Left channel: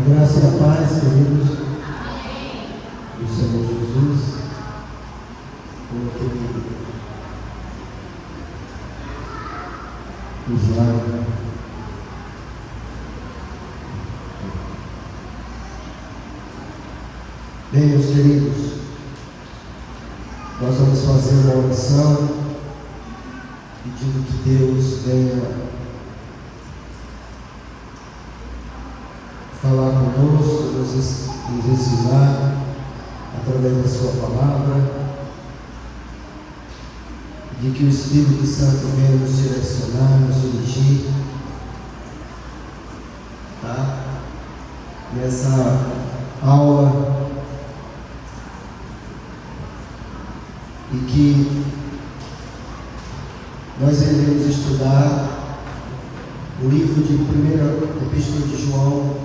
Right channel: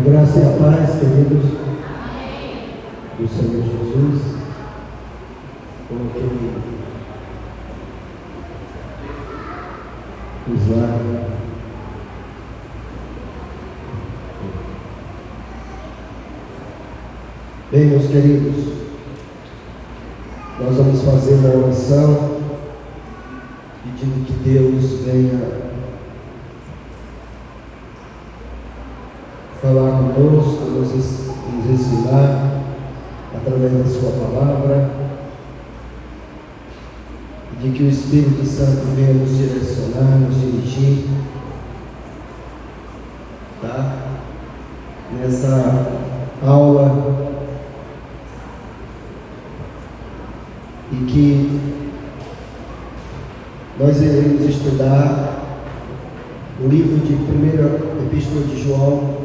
graça e a paz, queridos, do Senhor Jesus, como que Ele nos lava. Bem, meus queridos, nós vamos fazer uma oração pedindo que Deus venha falar conosco, nos ensinar através da sua palavra, de que o Espírito Santo venha nos direcionar, nos dirigir, tá? Nessa aula, e que nós iremos estudar o livro de 1ª Epístola de João,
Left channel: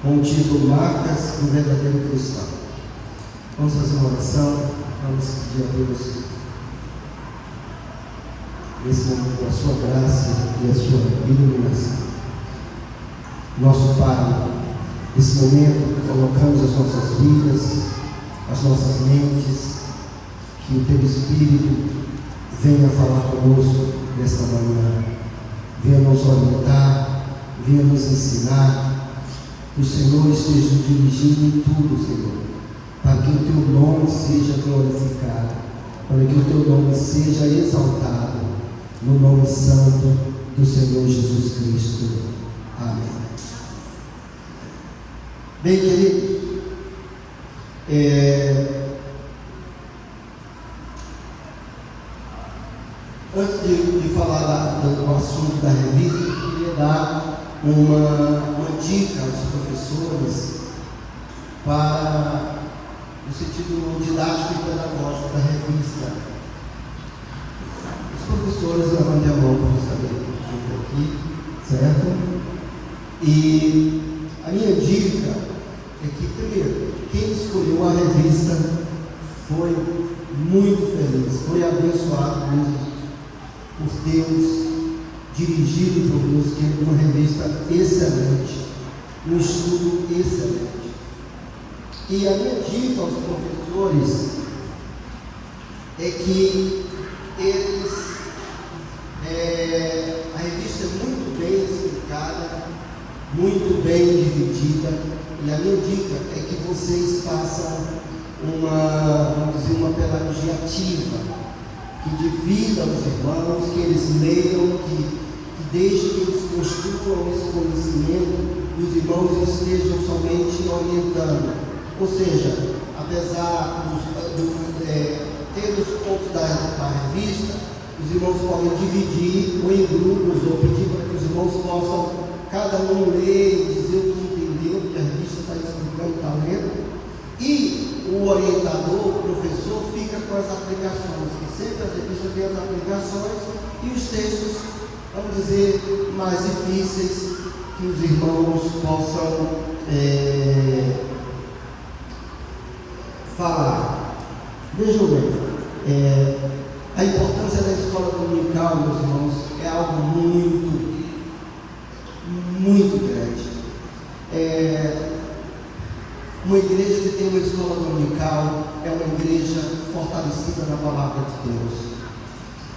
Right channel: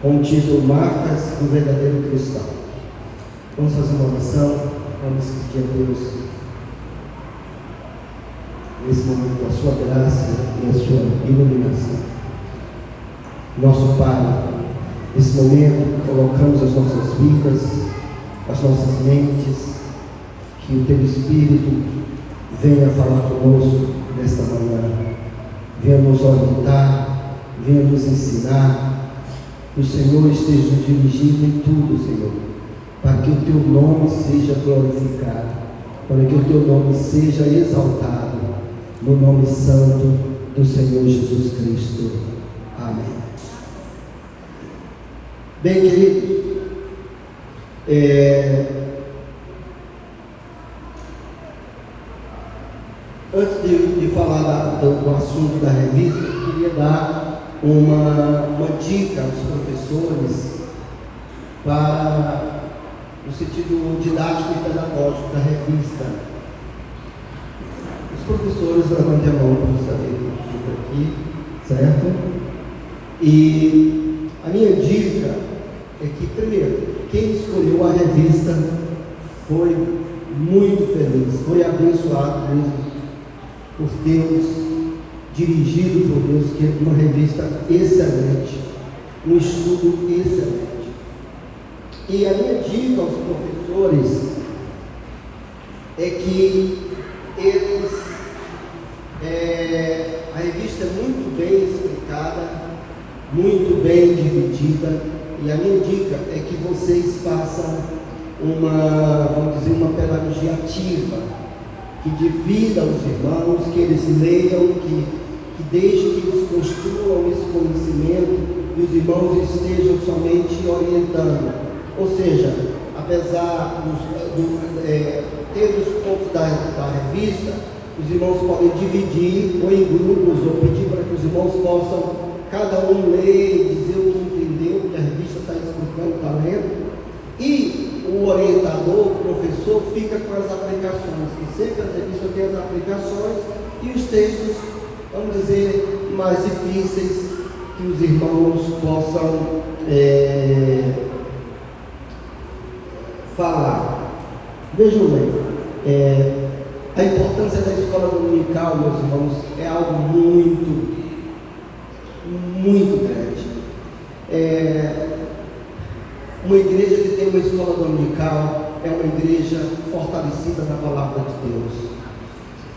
com o título Marcas do Verdadeiro Cristão. Vamos fazer uma oração, vamos pedir a Deus nesse momento a sua graça e a sua iluminação. Nosso Pai, nesse momento colocamos as nossas vidas, as nossas mentes, que o Teu Espírito venha falar conosco nesta manhã, venha nos orientar, venha nos ensinar. O Senhor esteja dirigindo em tudo, Senhor, para que o Teu nome seja glorificado, para que o Teu nome seja exaltado, no nome santo do Senhor Jesus Cristo. Amém. Bem, queridos, antes de falar do assunto da revista, eu queria dar uma dica aos professores para o sentido didático e pedagógico da revista. Os professores levantem a mão para saber aqui, certo? E a minha dica é que, primeiro, quem escolheu a revista foi muito feliz, foi abençoado mesmo por Deus, dirigido por Deus, que é uma revista excelente, um estudo excelente. E a minha dica aos professores é que a revista é muito bem explicada, muito bem dividida, e a minha dica é que vocês façam uma pedagogia ativa, que divida os irmãos, que eles leiam, que deixem que eles construam esse conhecimento, e os irmãos estejam somente orientando. Ou seja, apesar de ter os pontos da revista, os irmãos podem dividir ou em grupos, ou pedir para que os irmãos possam, cada um ler, dizer o que entendeu, o que a revista está explicando, está lendo, e o orientador, o professor, fica com as aplicações, que sempre a revista tem as aplicações e os textos, vamos dizer, mais difíceis, que os irmãos possam falar. Vejam bem, a importância da escola dominical, meus irmãos, é algo muito, muito grande. Uma igreja que tem uma escola dominical é uma igreja fortalecida na palavra de Deus.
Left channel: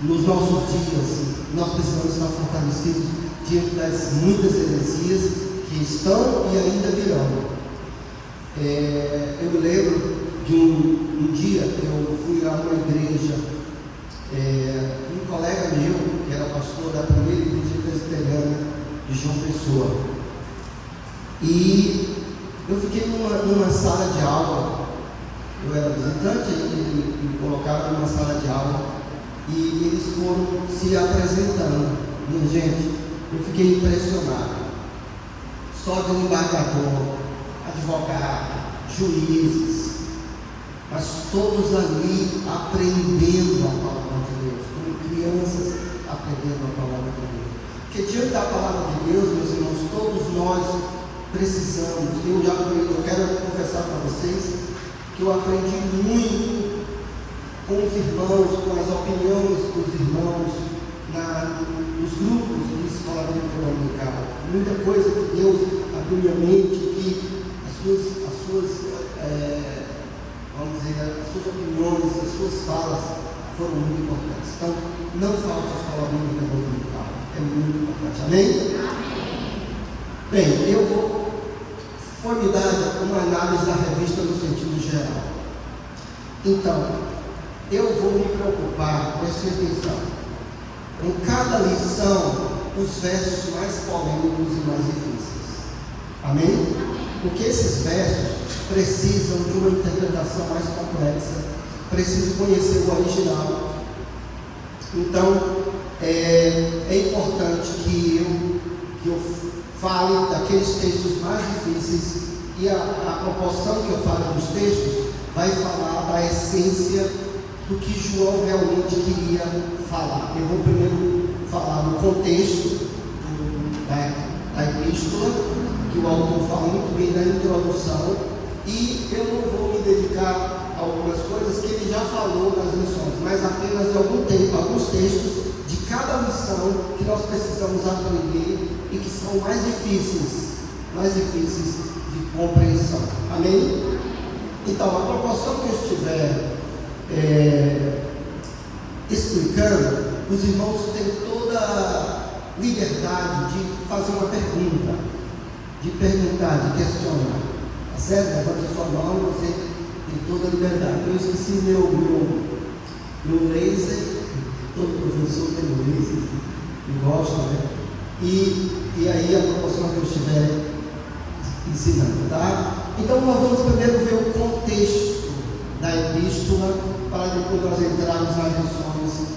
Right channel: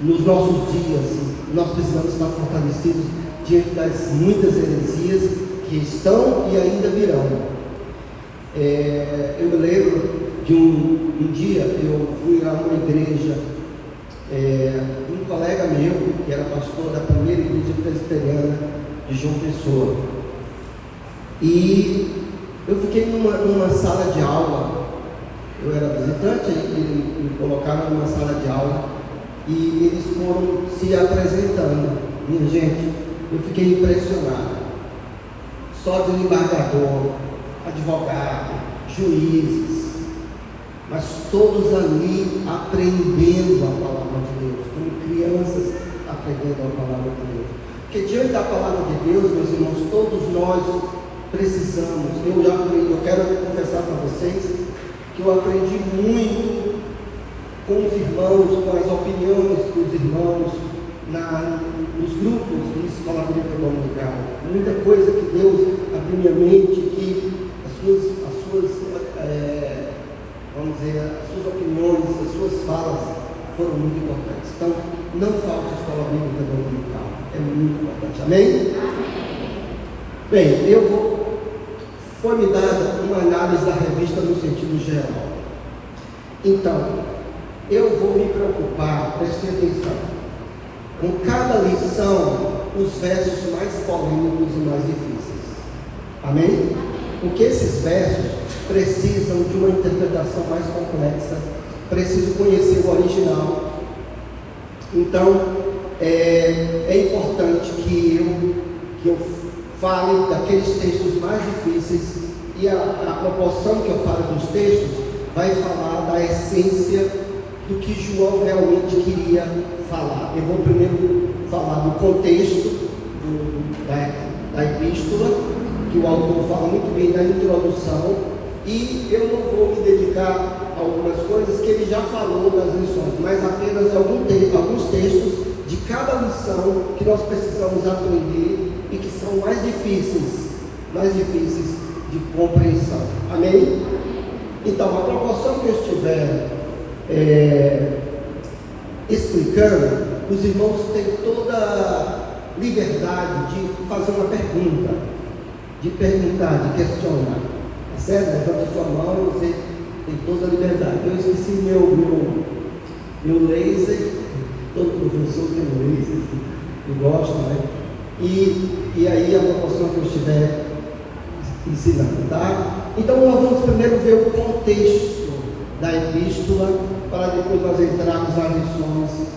Nos nossos dias, nós precisamos estar fortalecidos diante das muitas heresias que estão e ainda virão. Eu me lembro de um dia, eu fui a uma igreja, um colega meu, que era pastor da primeira igreja presbiteriana de João Pessoa, e eu fiquei numa sala de aula. Eu era visitante, eles me colocaram numa sala de aula e eles foram se apresentando. Minha gente, eu fiquei impressionado. Só desembargador, advogado, juízes, mas todos ali aprendendo a palavra de Deus, como crianças aprendendo a palavra de Deus. Porque diante da palavra de Deus, meus irmãos, todos nós precisamos. Eu quero confessar para vocês que eu aprendi muito com os irmãos, com as opiniões dos irmãos, nos grupos de escola dominical. Muita coisa que Deus abriu minha mente, que vamos dizer, as suas opiniões, as suas falas foram muito importantes. Então, não falte a escola bíblica dominical, é muito importante. Amém? Bem, foi-me dada uma análise da revista no sentido geral. Então, eu vou me preocupar, prestem atenção, com cada lição, os versos mais polêmicos e mais difíceis. Amém? Porque esses versos precisam de uma interpretação mais complexa, precisam conhecer o original. Então, é importante que eu fale daqueles textos mais difíceis, e a proporção que eu falo dos textos vai falar da essência do que João realmente queria falar. Eu vou primeiro falar do contexto da epístola, que o autor fala muito bem da introdução, e eu não vou me dedicar a algumas coisas que ele já falou nas lições, mas apenas alguns textos de cada lição que nós precisamos aprender e que são mais difíceis de compreensão. Amém? Então, a proporção que eu estiver explicando, os irmãos têm toda a liberdade de fazer uma pergunta, de perguntar, de questionar. Certo? Levanta a sua mão, você tem toda a liberdade. Eu esqueci meu laser, todo professor tem laser, eu gosto, né? E aí a proporção que eu estiver ensinando, tá? Então nós vamos primeiro ver o contexto da epístola, para depois nós entrarmos nas lições,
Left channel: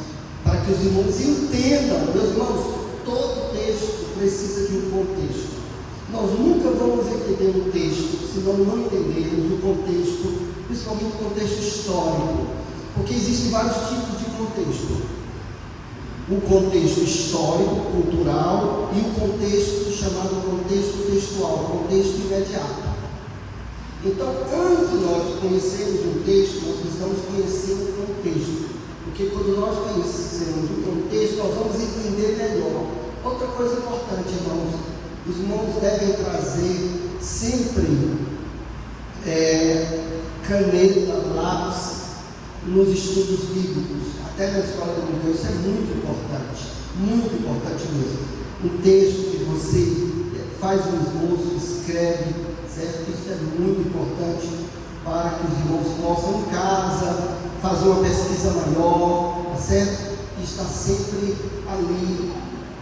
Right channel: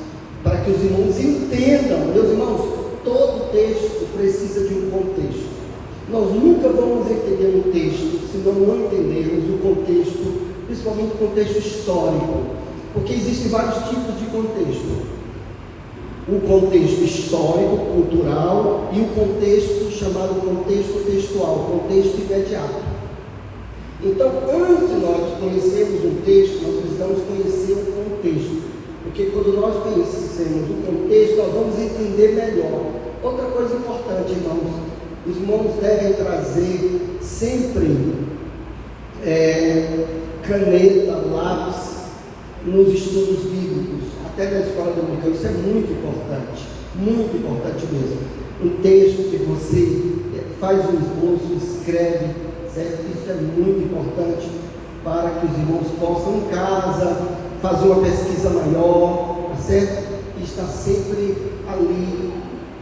para que os irmãos entendam. Meus irmãos, todo texto precisa de um contexto. Nós nunca vamos entender um texto se nós não entendermos o contexto, principalmente o contexto histórico, porque existem vários tipos de contexto: o contexto histórico, cultural, e o contexto chamado contexto textual, contexto imediato. Então, antes de nós conhecermos um texto, nós precisamos conhecer o contexto, porque quando nós conhecemos o contexto, nós vamos entender melhor. Outra coisa importante, irmãos, os irmãos devem trazer sempre caneta, lápis nos estudos bíblicos, até na escola dominical. Isso é muito importante mesmo. Um texto que você faz um esboço, escreve, certo? Isso é muito importante para que os irmãos possam em casa fazer uma pesquisa maior, certo? E estar sempre ali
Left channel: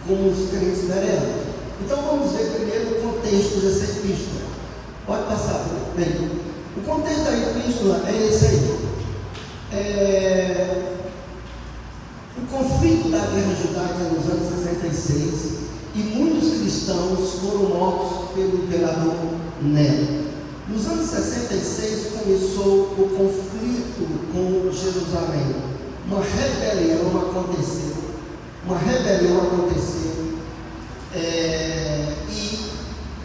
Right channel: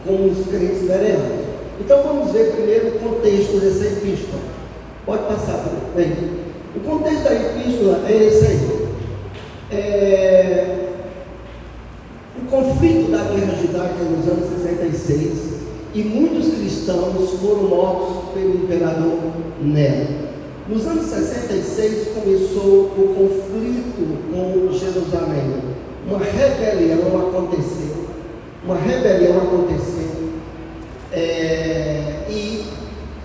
como os crentes bereanos. Então vamos ver primeiro o contexto dessa epístola. Pode passar, bem. O contexto da epístola é esse aí. O conflito da guerra judaica nos anos 66, e muitos cristãos foram mortos pelo imperador Nero. Nos anos 66 começou o conflito com Jerusalém. Uma rebelião aconteceu. E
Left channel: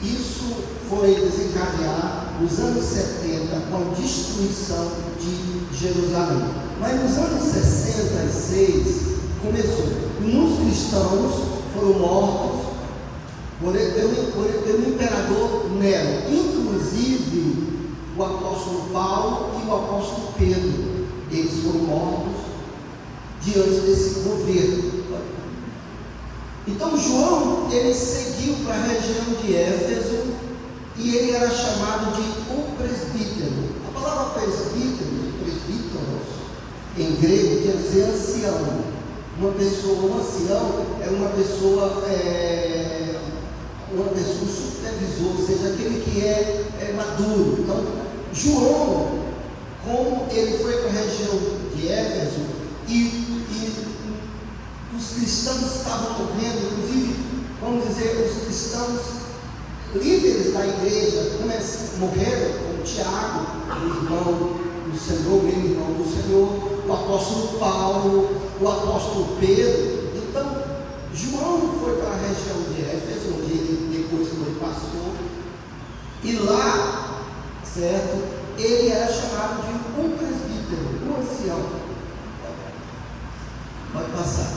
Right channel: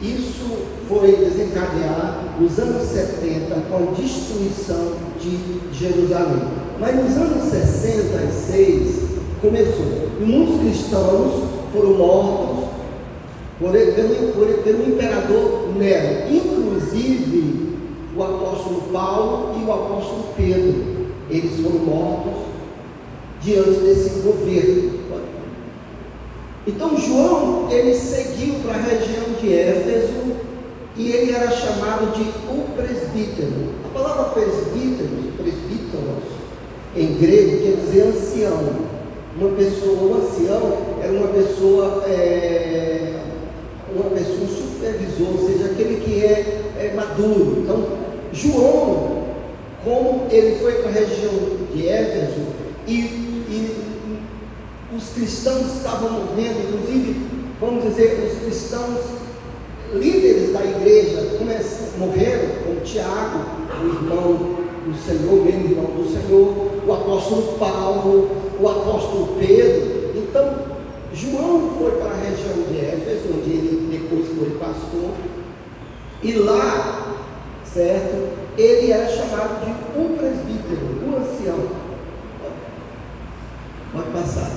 isso foi desencadear nos anos 70 com a destruição de Jerusalém. Mas nos anos 66 começou, e muitos cristãos foram mortos pelo imperador Nero, inclusive o apóstolo Paulo e o apóstolo Pedro. Eles foram mortos diante desse governo. Então João, ele seguiu para a região de Éfeso, e ele era chamado de o presbítero. A palavra presbíteros, em grego, quer dizer ancião. Um ancião era uma pessoa supervisor, ou seja, aquele que é maduro. Então, João, como ele foi para a região de Éfeso, e os cristãos estavam morrendo, inclusive, vamos dizer, os cristãos líderes da igreja morreram, como Tiago, o irmão do Senhor, meu irmão do Senhor, o apóstolo Paulo, o apóstolo Pedro. Então, João foi para a região de Éfeso, onde ele depois foi pastor, e lá, certo, ele era chamado de um presbítero, um ancião. Pode passar.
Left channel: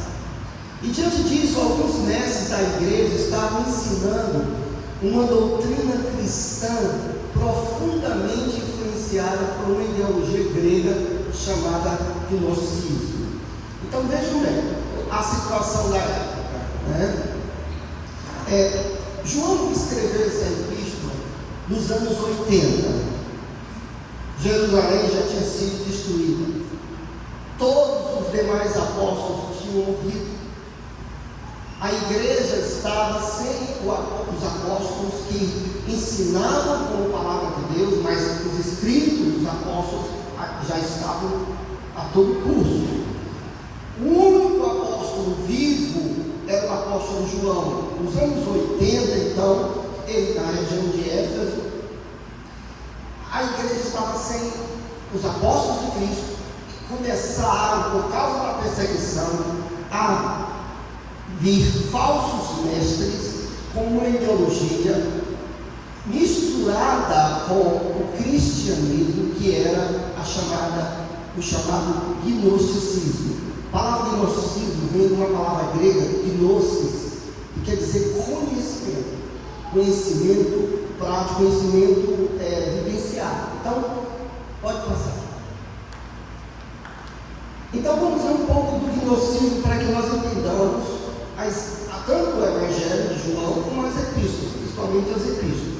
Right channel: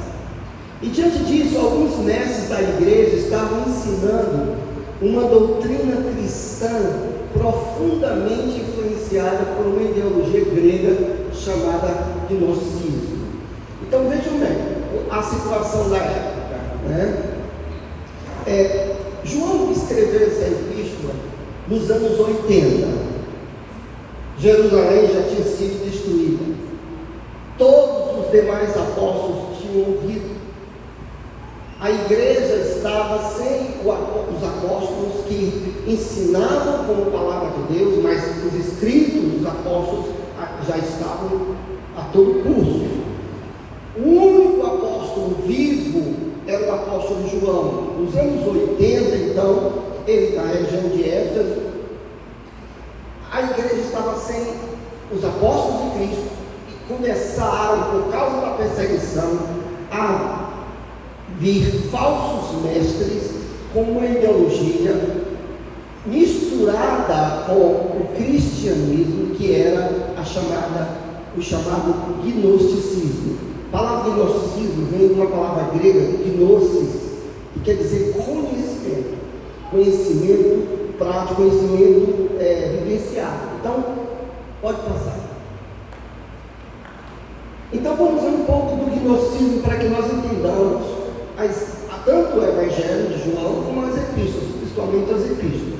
E diante disso, alguns mestres da igreja estavam ensinando uma doutrina cristã profundamente influenciada por uma ideologia grega chamada gnosticismo. Então vejam bem a situação da época, né? João escreveu essa epístola nos anos 80. Jerusalém já tinha sido destruída. Todos os demais apóstolos tinham morrido. A igreja estava sem os apóstolos que ensinavam como palavra de Deus, mas os escritos dos apóstolos já estavam a todo curso. O único apóstolo vivo era o apóstolo João. Nos anos 80, então, ele na região de Éfeso, a igreja estava sem os apóstolos de Cristo e começaram, por causa da perseguição, a vir falsos mestres com uma ideologia misturada com o cristianismo, que era o chamado gnosticismo. A palavra gnosticismo vem de uma palavra grega, gnosis, que quer dizer conhecimento prático, conhecimento vivenciado. Então, pode passar. Então, vamos ver um pouco do gnosticismo para que nós entendamos tanto o Evangelho de João como as epístolas, principalmente as epístolas.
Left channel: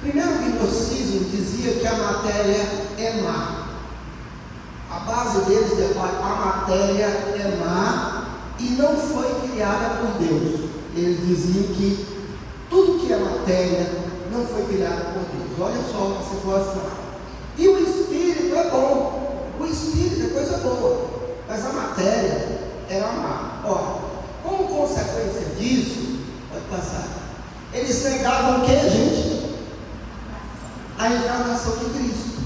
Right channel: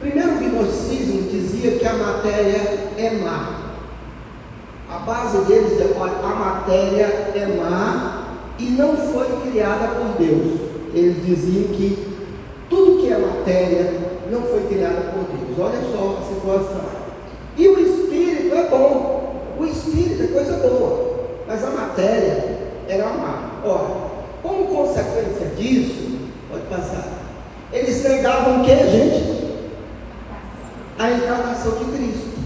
Primeiro, o gnosticismo dizia que a matéria é má. A base deles é a matéria é má e não foi criada por Deus. Eles diziam que tudo que é matéria não foi criado por Deus. Olha só a situação. E o espírito é bom. O espírito é coisa boa, mas a matéria era má. Ora, como consequência disso, pode passar, eles negavam o que, gente? A encarnação de Cristo.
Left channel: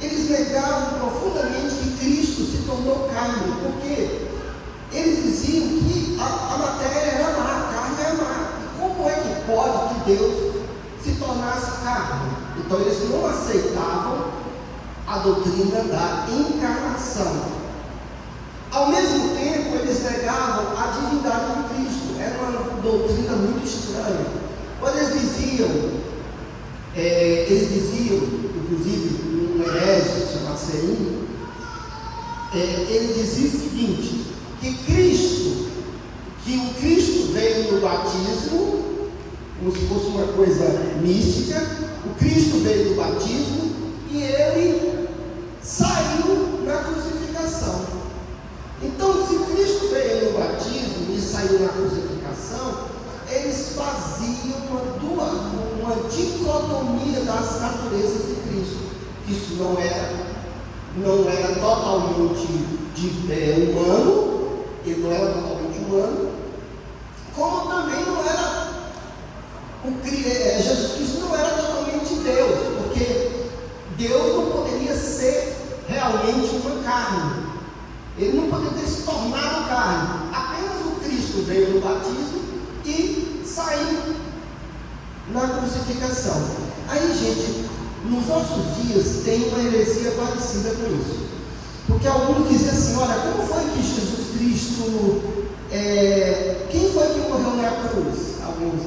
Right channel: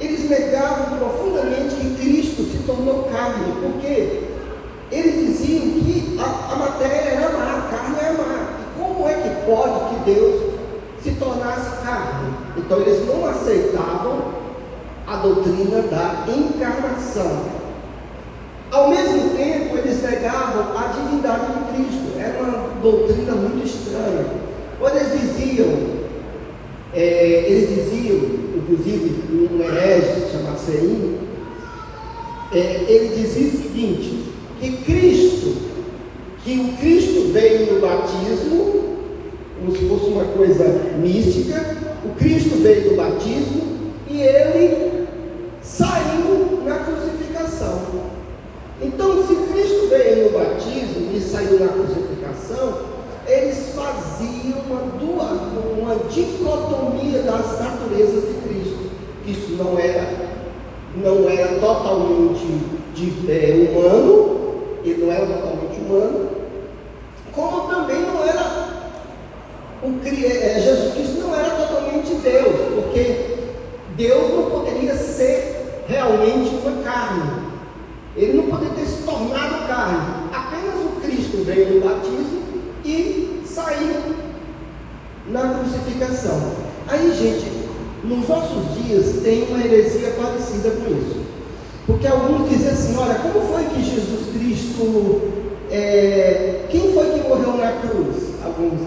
Eles negavam profundamente que Cristo se tornou carne, porque eles diziam que a matéria era má, a carne era má. E como é que pode que Deus se tornasse carne? Então eles não aceitavam a doutrina da encarnação. Ao mesmo tempo, eles negavam a divindade de Cristo. Era uma doutrina muito estranha. Quando eles diziam, inclusive, um herege chamado Seim, ele dizia o seguinte, que o Cristo veio no batismo, como se fosse uma coisa mística, o Cristo veio no batismo e ele saiu na crucificação. Então, se Cristo veio no batismo e saiu na crucificação, eles faziam uma dicotomia das naturezas de Cristo. Cristo não era totalmente humano, ele não era totalmente humano, como também não era Jesus Cristo não era totalmente Deus, porque Deus não poderia ser realmente uma carne. Ele não poderia ter se tornado carne. Apenas o Cristo veio no batismo e saiu na crucificação. Aí, gente, nos nossos dias tem uma heresia parecida com isso. Porque alguns dizem assim, olha, como foi que Jesus Cristo, quem foi que morreu na cruz? Alguns,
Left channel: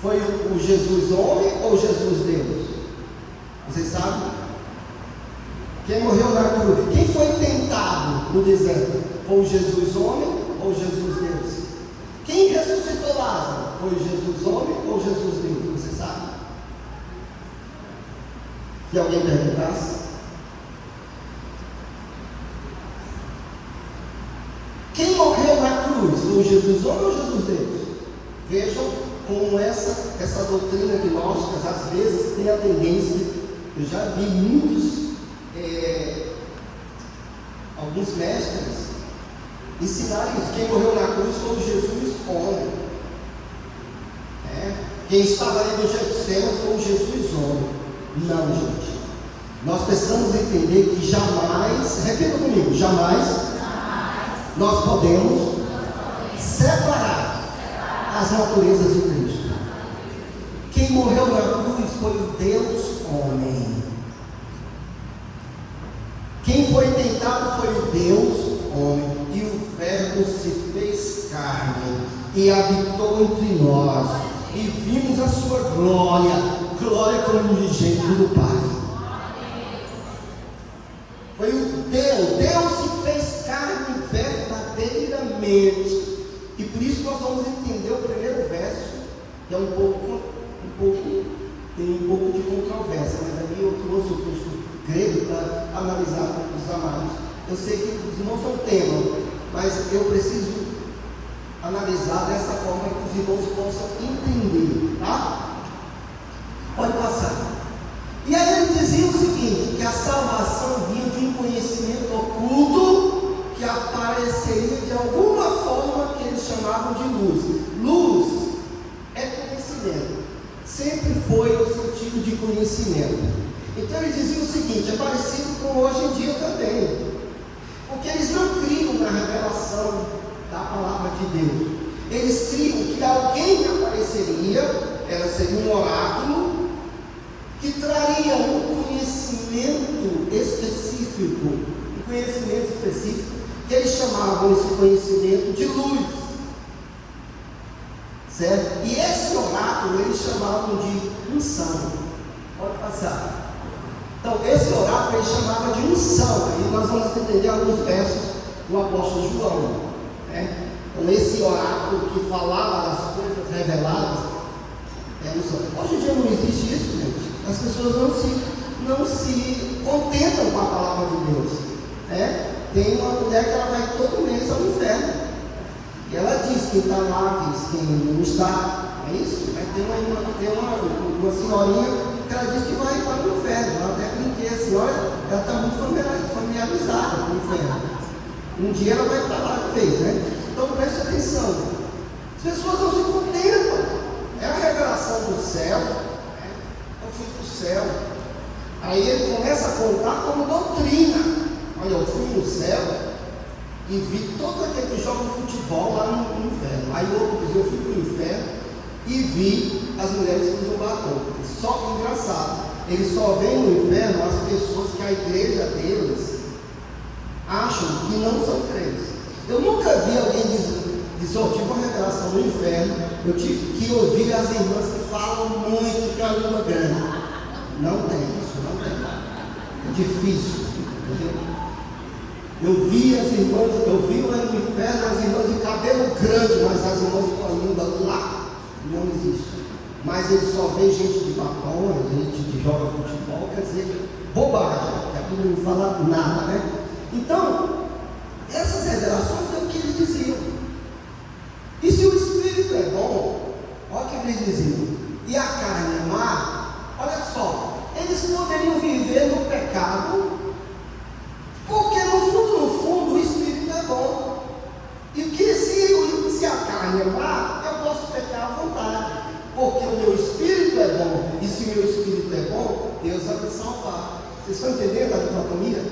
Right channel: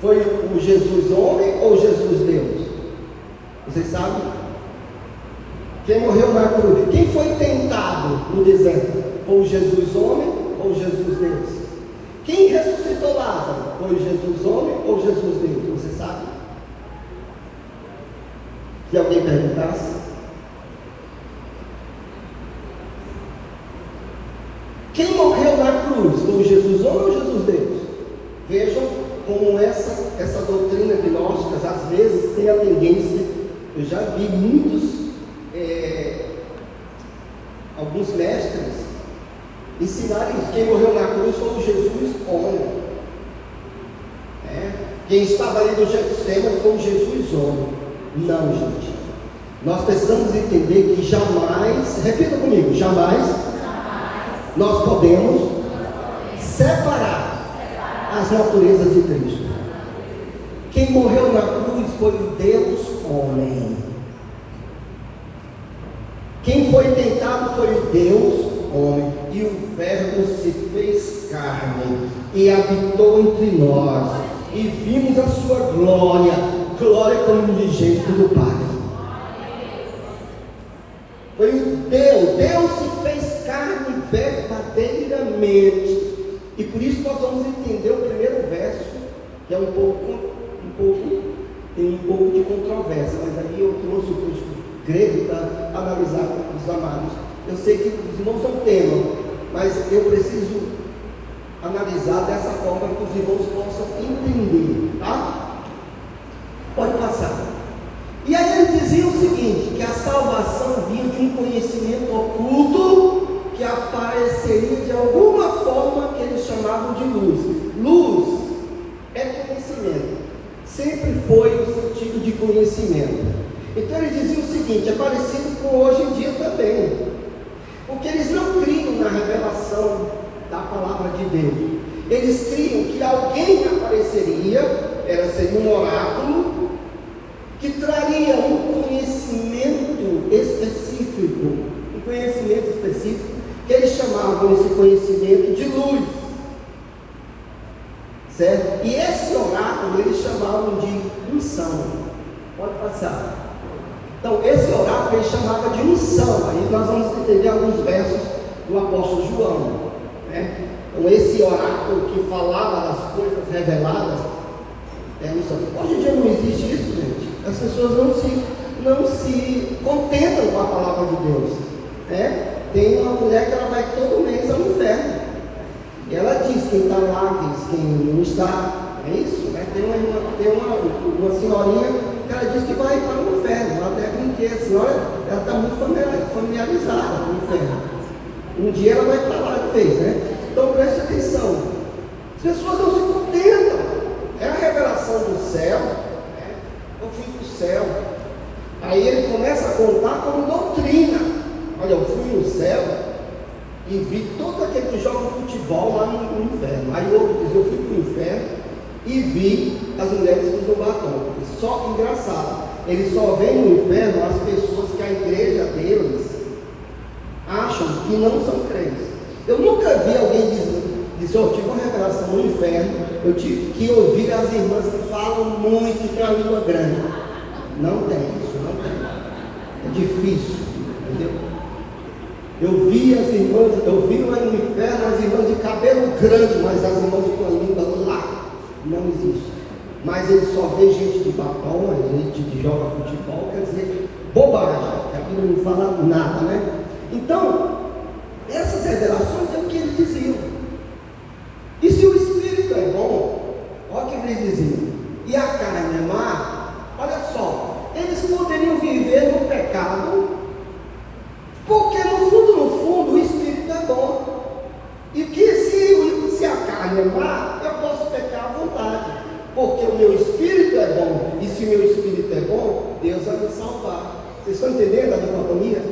foi o Jesus homem ou Jesus Deus? Vocês sabem? Quem morreu na cruz? Quem foi tentado no deserto? Foi o Jesus homem ou Jesus Deus? Quem ressuscitou Lázaro? Foi o Jesus homem ou Jesus Deus? Você sabe? Se alguém perguntasse. Quem morreu na cruz? Foi o Jesus homem ou Jesus Deus? Vejam como essa doutrina gnóstica às vezes tem a tendência. Eu já vi alguns mestres ensinarem isso. Quem morreu na cruz foi o Jesus homem. Quem estava ali no Getsemane foi o Jesus homem. Não, gente. Nós precisamos entender que jamais, repita comigo, jamais nós podemos separar as naturezas de Cristo. Quem morreu na cruz foi o Deus homem. Quem foi tentado foi o Deus homem. E o Verbo se fez carne e habitou entre nós. E e vimos a sua glória, glória como unigênito do Pai. Foi o Deus se fez carne verdadeiramente. E por isso nós vamos entender o primeiro verso, que é tem um pouco de controvérsia, mas aí eu trouxe o texto grego para analisar os amados. Eu sei que os irmãos são tema, mas eu preciso analisar dessa forma que os irmãos possam entender, tá? Pode passar. E aí ele dizia o seguinte, que a salvação vinha de um conhecimento oculto que apareceria de alguma forma que eles chamavam de luz. Luz é conhecimento, sempre foi o sentido de conhecimento. Então ele dizia o seguinte, é parecido com hoje em dia também, porque eles não criam na revelação da palavra de Deus. Eles criam que alguém apareceria, seria um oráculo, que traria um conhecimento específico, que eles chamavam esse conhecimento de luz, certo? E esse oráculo eles chamavam de unção. Pode passar. Então esse oráculo eles chamavam de unção. Aí nós vamos entender alguns versos do apóstolo João, né? Então esse oráculo que falava das coisas reveladas é unção. Hoje em dia não existe isso, gente. As pessoas não se contentam com a palavra de Deus, né? Tem uma mulher que ela vai todo mês ao inferno, e ela diz quem está lá, diz quem não está, é isso, né? Tem uma senhorinha que ela diz que vai para o inferno. Ela até brinquei, a senhora, ela está muito familiarizada com o inferno. Um dia ela vai para lá de vez, né? Então preste atenção, as pessoas não se contentam, é a revelação do céu, né? Eu fui para o céu. Aí ele começa a contar como doutrina. Olha, eu fui no céu e vi todo aquele que joga futebol lá no inferno. Aí outro diz, eu fui para o inferno e vi as mulheres que usam batom. Só engraçado, eles só veem no inferno as pessoas que a igreja deles acham que não são crentes. Eu nunca vi alguém dizer, eu tive uma revelação no inferno, que ouvi as irmãs que falam muito com a língua grande. Não tem isso, não tem. É difícil, entendeu? Eu vi lá no inferno as irmãs de cabelo grande, mas as irmãs com a língua lá não existe. Mas ele só vê gente de batom, gente que joga futebol, quer dizer, bobagem, a Bíblia não fala nada, né? Então, essas revelações é o que eles diziam. E se o Espírito é bom, olha o que eles diziam, e a carne é má, olha só, eles poderiam viver no pecado, porque no fundo, o Espírito é bom. E que se a carne é má, eu posso pecar à vontade, porque o meu Espírito é bom. E se o meu Espírito é bom, Deus vai me salvar. Vocês estão entendendo a dicotomia?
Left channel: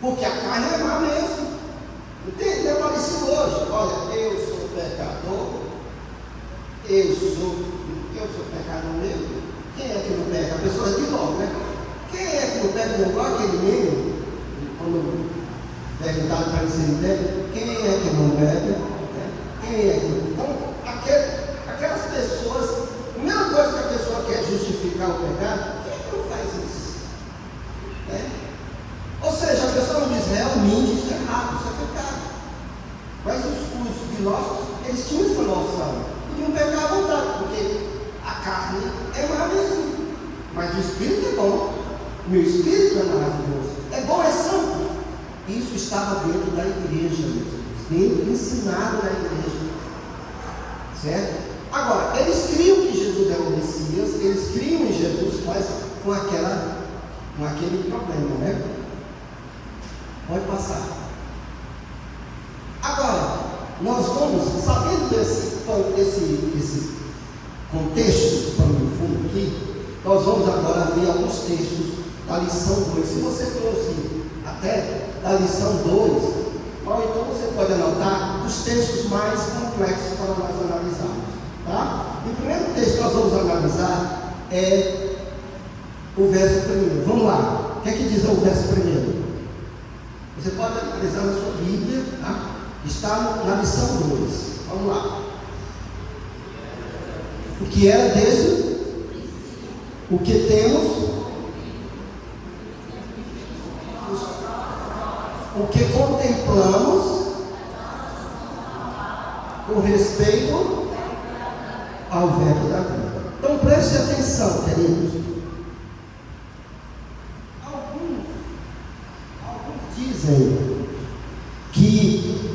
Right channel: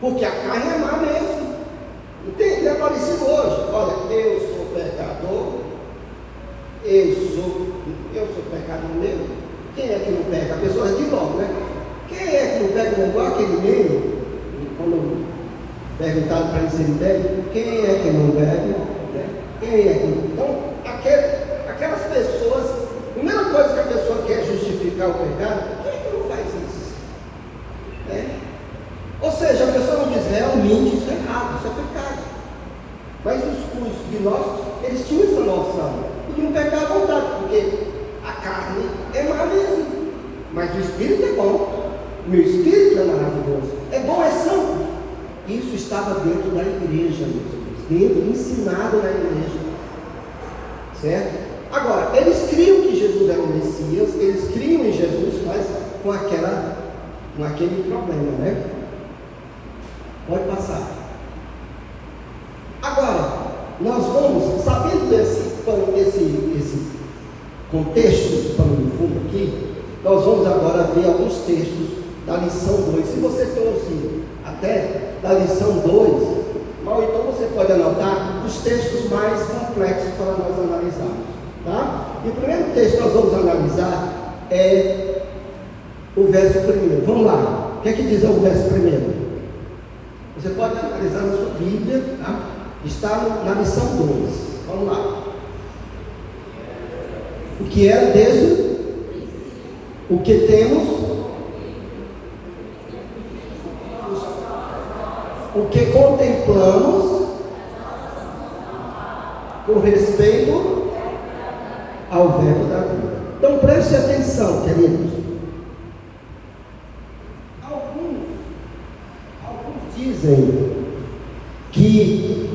Porque a carne é má mesmo. Entende? É parecido hoje. Olha, eu sou pecador, eu sou pecador mesmo. Quem é que não pega? A pessoa diz logo, né? Quem é que não pega? Igual aquele mesmo. Quando perguntaram para ele se ele bebe, quem é que não bebe? Quem é que não? Então, aquelas pessoas, a primeira coisa que a pessoa quer justificar o pecado, quem é que não faz isso? Né? Ou seja, a pessoa não diz, realmente isso é errado, isso é pecado. Mas os filósofos, eles tinham essa noção, podiam pecar à vontade, porque a carne é má mesmo, mas o Espírito é bom. Meu Espírito é maravilhoso, é bom, é santo. Isso estava dentro da igreja, meus irmãos, ensinado na igreja, certo? Agora, eles criam que Jesus era o Messias, eles criam em Jesus, mas com aquele problema, né? Pode passar. Agora, nós vamos, sabendo desse contexto, esse pano de fundo aqui, nós vamos agora ver alguns textos da lição 2. Se você trouxe até da lição 2, então você pode anotar os textos mais complexos para nós analisarmos, tá? E o primeiro texto que nós vamos analisar é o verso 1. Vamos lá, o que é que diz o verso 1? Você pode analisar na sua Bíblia, tá? Está na lição 2. Vamos lá. O que era desde o que temos, o que contemplamos com respeito ao verbo da vida. Então preste atenção, queridos. Alguns dizem que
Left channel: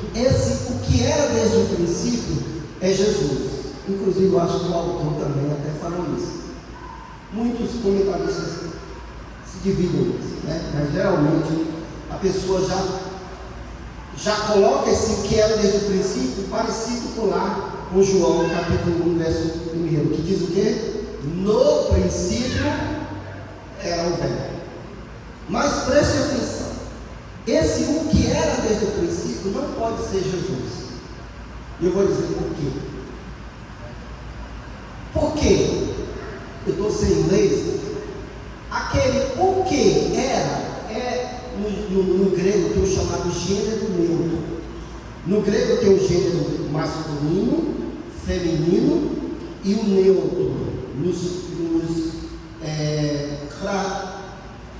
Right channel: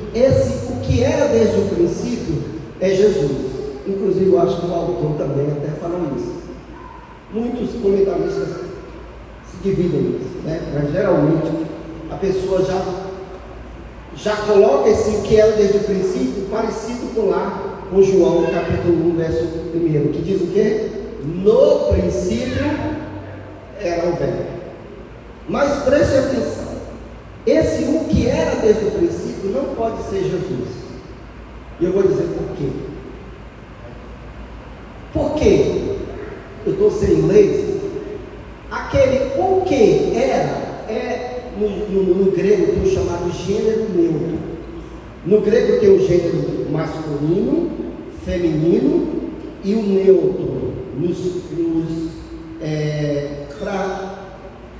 o que era desde o princípio é Jesus. Inclusive eu acho que o autor também até falou isso. Muitos comentaristas se dividem nisso, né? Mas geralmente a pessoa já coloca esse que era desde o princípio parecido com lá com João capítulo 1 verso 1, que diz o quê? No princípio era o verbo. Mas preste atenção, esse o que era desde o princípio não pode ser Jesus. E eu vou dizer por quê. Por quê? Eu estou sem inglês. Aquele o que era no grego tem o chamado gênero neutro. No grego tem o gênero masculino, feminino e o neutro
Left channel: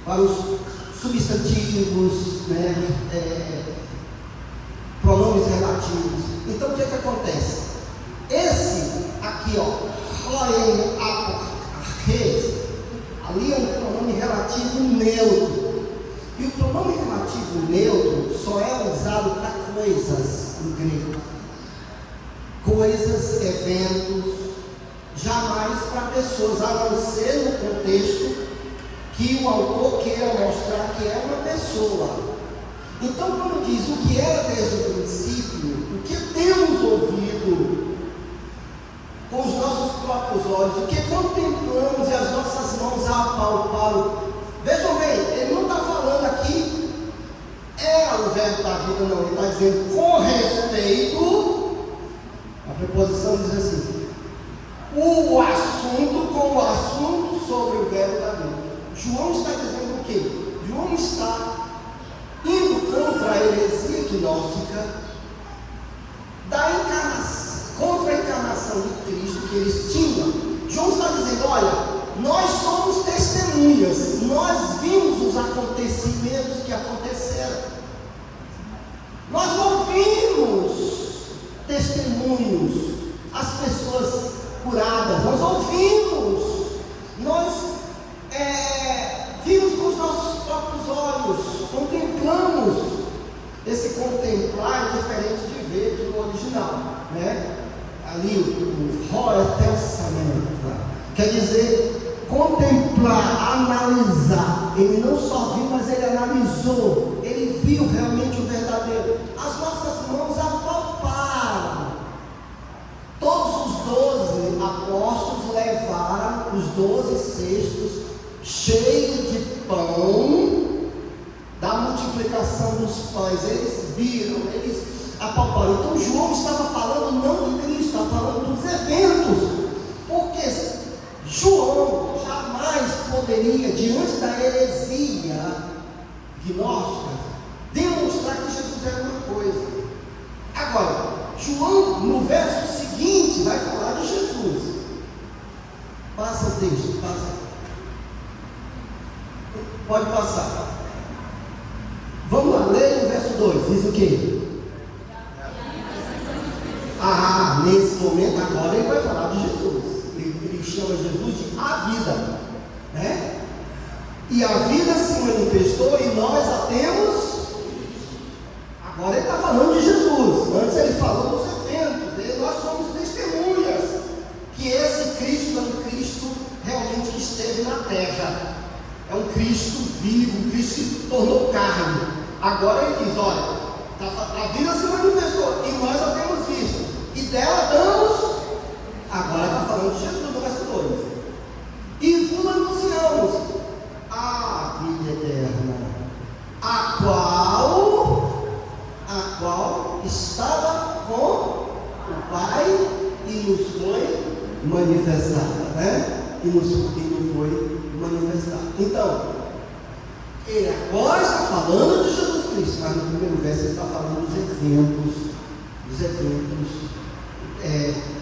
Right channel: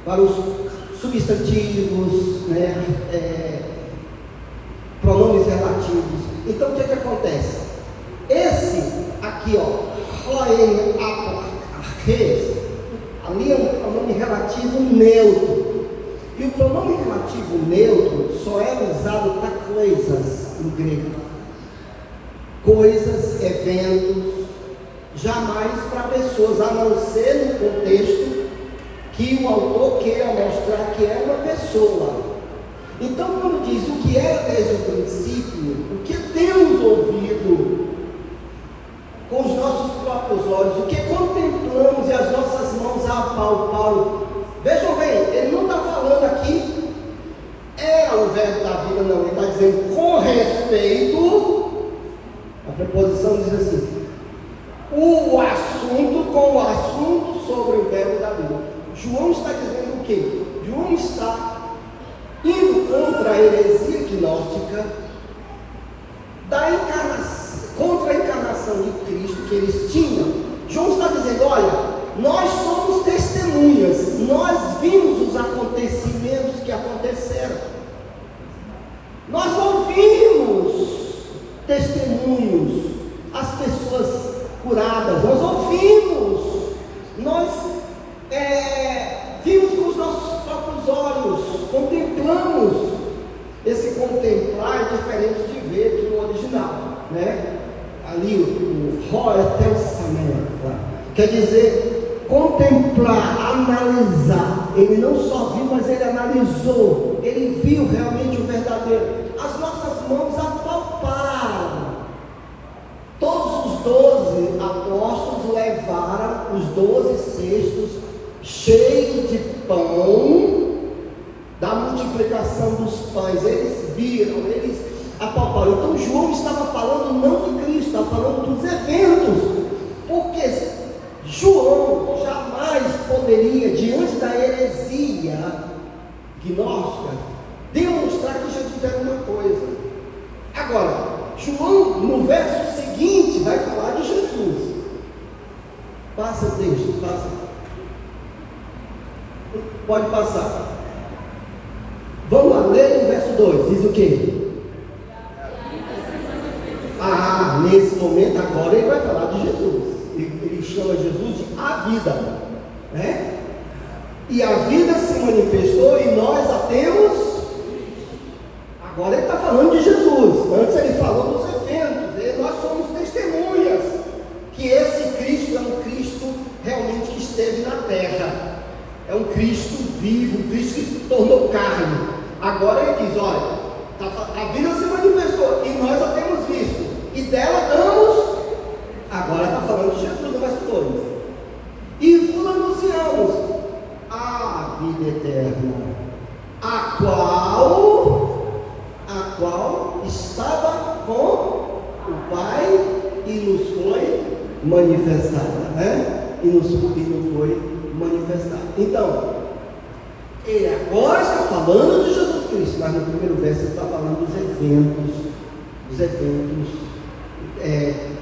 para os substantivos, né, pronomes relativos. Então o que acontece? Esse aqui, ali é um pronome relativo neutro. E o pronome relativo neutro só é usado para coisas no grego. Coisas, eventos, jamais para pessoas, a não ser no contexto que o autor queira mostrar que é uma pessoa. Então, quando diz o que era desde o princípio, o que temos ouvido com os nossos próprios olhos, o que contemplamos e as nossas mãos apalparam. Vejam bem, ele não está falando aqui era o verbo da vida, não. Ele está dizendo com respeito. A preposição diz assim: o assunto com o assunto sobre o verbo da vida. João está dizendo o quê? João está indo contra a heresia gnóstica da encarnação, contra a encarnação de Cristo que eles tinham. João está dizendo: olha, nós somos testemunhas, nós vimos os acontecimentos que aconteceram, nós ouvimos testemunhos, as pessoas curadas, nós ouvimos, nós vimos com os nossos próprios olhos, contemplamos. Esse contemplar é diferente de ver aqui no original, né? Ali o Horetelsamento, tá? Quer dizer, contemplar, analisar. Ele não só viu, mas ele analisou. Ele viu realmente o verdadeiro. As nossas mãos apalparam. Todos os 12 apóstolos levaram os 12 cestos cheios de pão da multiplicação dos pães. Eles viram, eles apalparam. Então João estava falando não de Cristo, estava falando dos eventos. Porque João jamais poderia, diante da heresia gnóstica, demonstrar que Jesus era uma coisa. Agora, João, no verso seguinte, vai falar de Jesus. Passa o texto, passa. Pode passar. Vamos lá, ler o verso 2. Diz o quê? Nesse momento agora ele vai falar de Jesus. Ele chama Jesus de a vida, né? E a vida se manifestou e nós a temos. Agora ele está falando de Jesus. Antes ele falou dos eventos. Nós somos testemunhas que esse Cristo é um Cristo realmente que esteve na terra. É um Cristo vivo, um Cristo que se tornou carne. Agora ele diz: olha, a vida se manifestou e nós a temos visto, e dela damos. Agora está falando de Jesus no verso 2. E vos anunciamos a vida eterna, a qual estava com o Pai e nos foi manifestada, né? E nos foi manifestada. Então, ele agora está falando de Jesus Cristo, mas no primeiro verso ele está falando dos eventos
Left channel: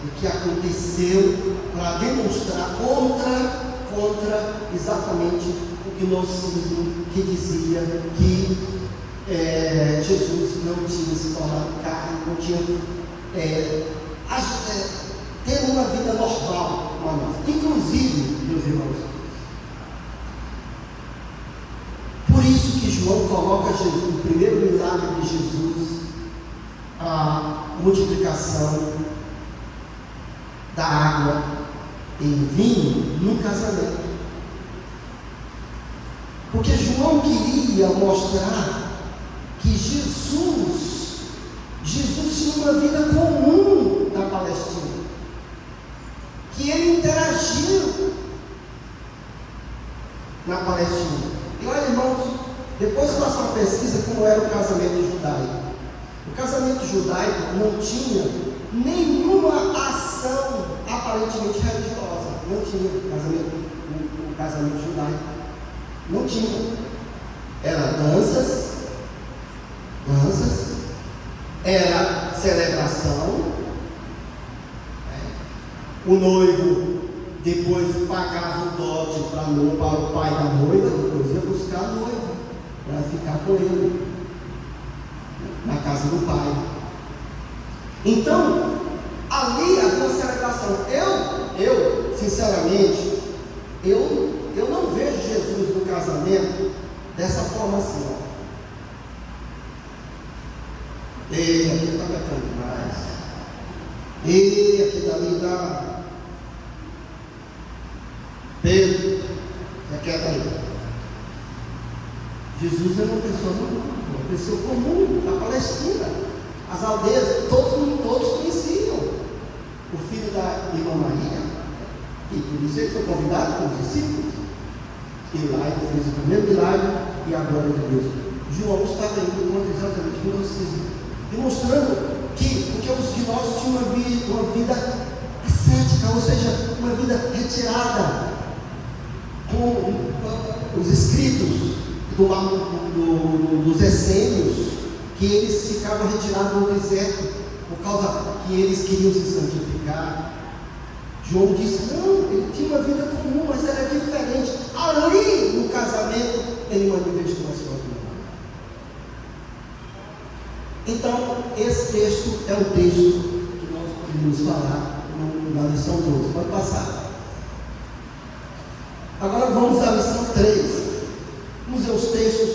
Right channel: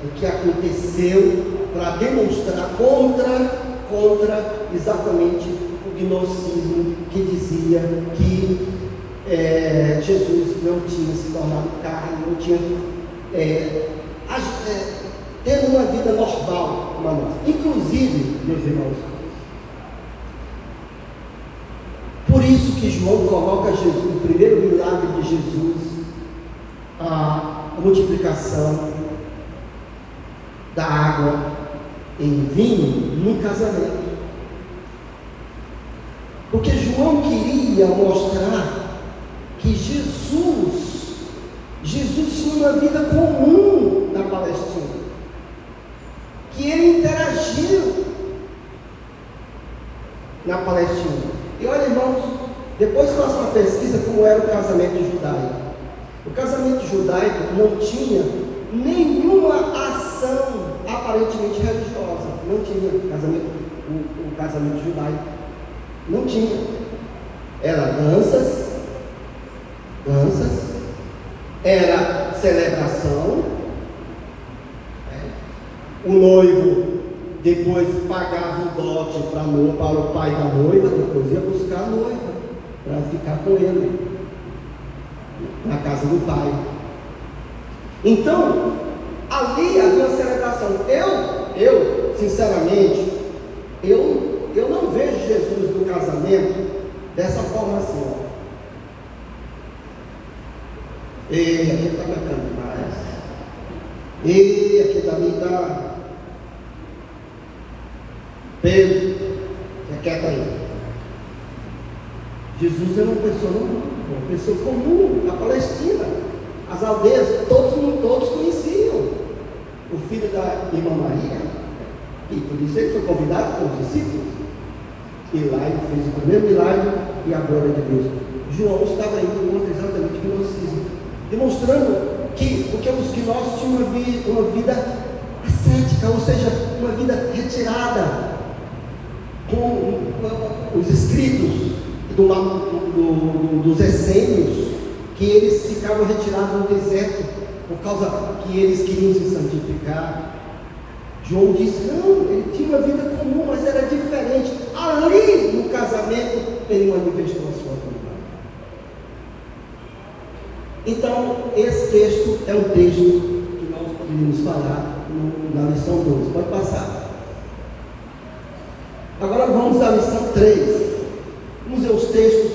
o que aconteceu para demonstrar contra exatamente o gnosticismo que dizia que Jesus não tinha se tornado carne, não tinha ter uma vida normal como a nossa. Inclusive, meus irmãos, por isso que João coloca Jesus, o primeiro milagre de Jesus, a multiplicação da água em vinho, num casamento. Porque João queria mostrar que Jesus tinha uma vida comum na Palestina, que ele interagiu na Palestina. E olha, irmãos, depois faça uma pesquisa como era o casamento judaico. O casamento judaico não tinha nenhuma ação aparentemente religiosa. Não tinha o casamento judaico. Não tinha. Era danças, era celebração. O noivo depois pagava o dote para o pai da noiva, depois ia buscar a noiva para ficar com ele na casa do pai. Então, ali havia uma celebração. Eu sinceramente, eu não vejo Jesus no casamento dessa forma assim. E aqui está bacana demais. E aqui também está Pedro, você quer estar aí? Jesus era uma pessoa comum na Palestina. As aldeias, todos conheciam o filho da irmã Maria, e por isso ele foi convidado pelos discípulos. E lá ele fez o primeiro milagre e a glória de Deus. João estava indo contra exatamente o gnosticismo, demonstrando que porque os gnósticos tinham uma vida ascética, ou seja, uma vida retirada, com os escritos dos essênios, que eles ficavam retirados no deserto por causa que eles queriam se santificar. João disse, não, ele tinha uma vida comum, mas era diferente. Ali no casamento ele manifestou a sua vida. Então esse texto é um texto que nós poderíamos falar na lição 2. Pode passar. Agora vamos à lição 3. Vamos ver os textos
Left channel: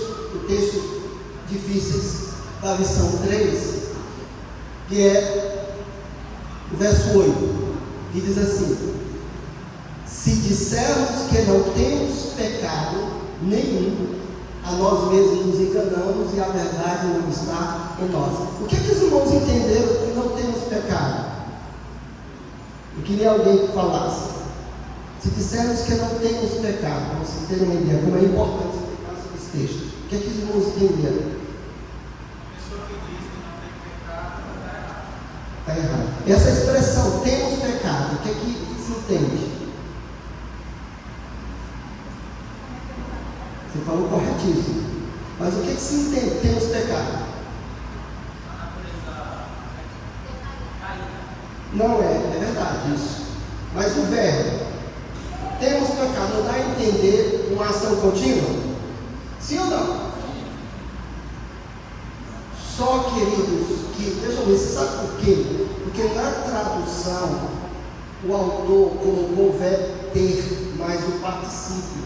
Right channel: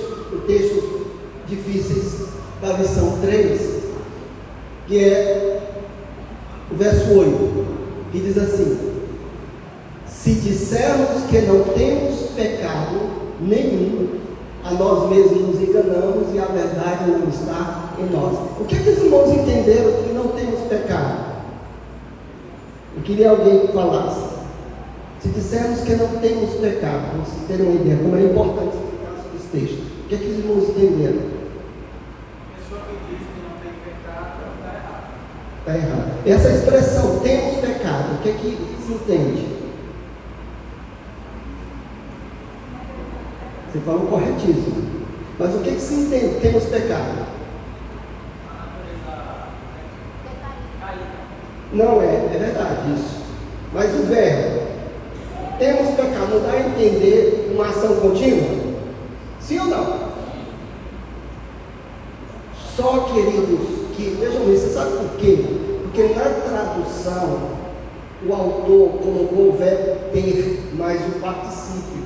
difíceis da lição 3, que é o verso 8, que diz assim: se dissermos que não temos pecado nenhum, a nós mesmos nos enganamos e a verdade não está em nós. O que os irmãos entenderam que não temos pecado? Eu queria alguém que falasse. Se dissermos que não temos pecado, para vocês terem uma ideia como é importante explicar sobre esse texto. O que os irmãos entenderam? Está errado. Essa expressão, temos pecado, o que se entende? Você falou corretíssimo. Mas o que se entende? Temos pecado. Não é verdade isso. Mas o verbo, temos pecado, não dá a entender uma ação contínua? Sim ou não? Só, queridos, que, vejam bem, você sabe por quê? Porque na tradução, o autor colocou o verbo ter mais o particípio.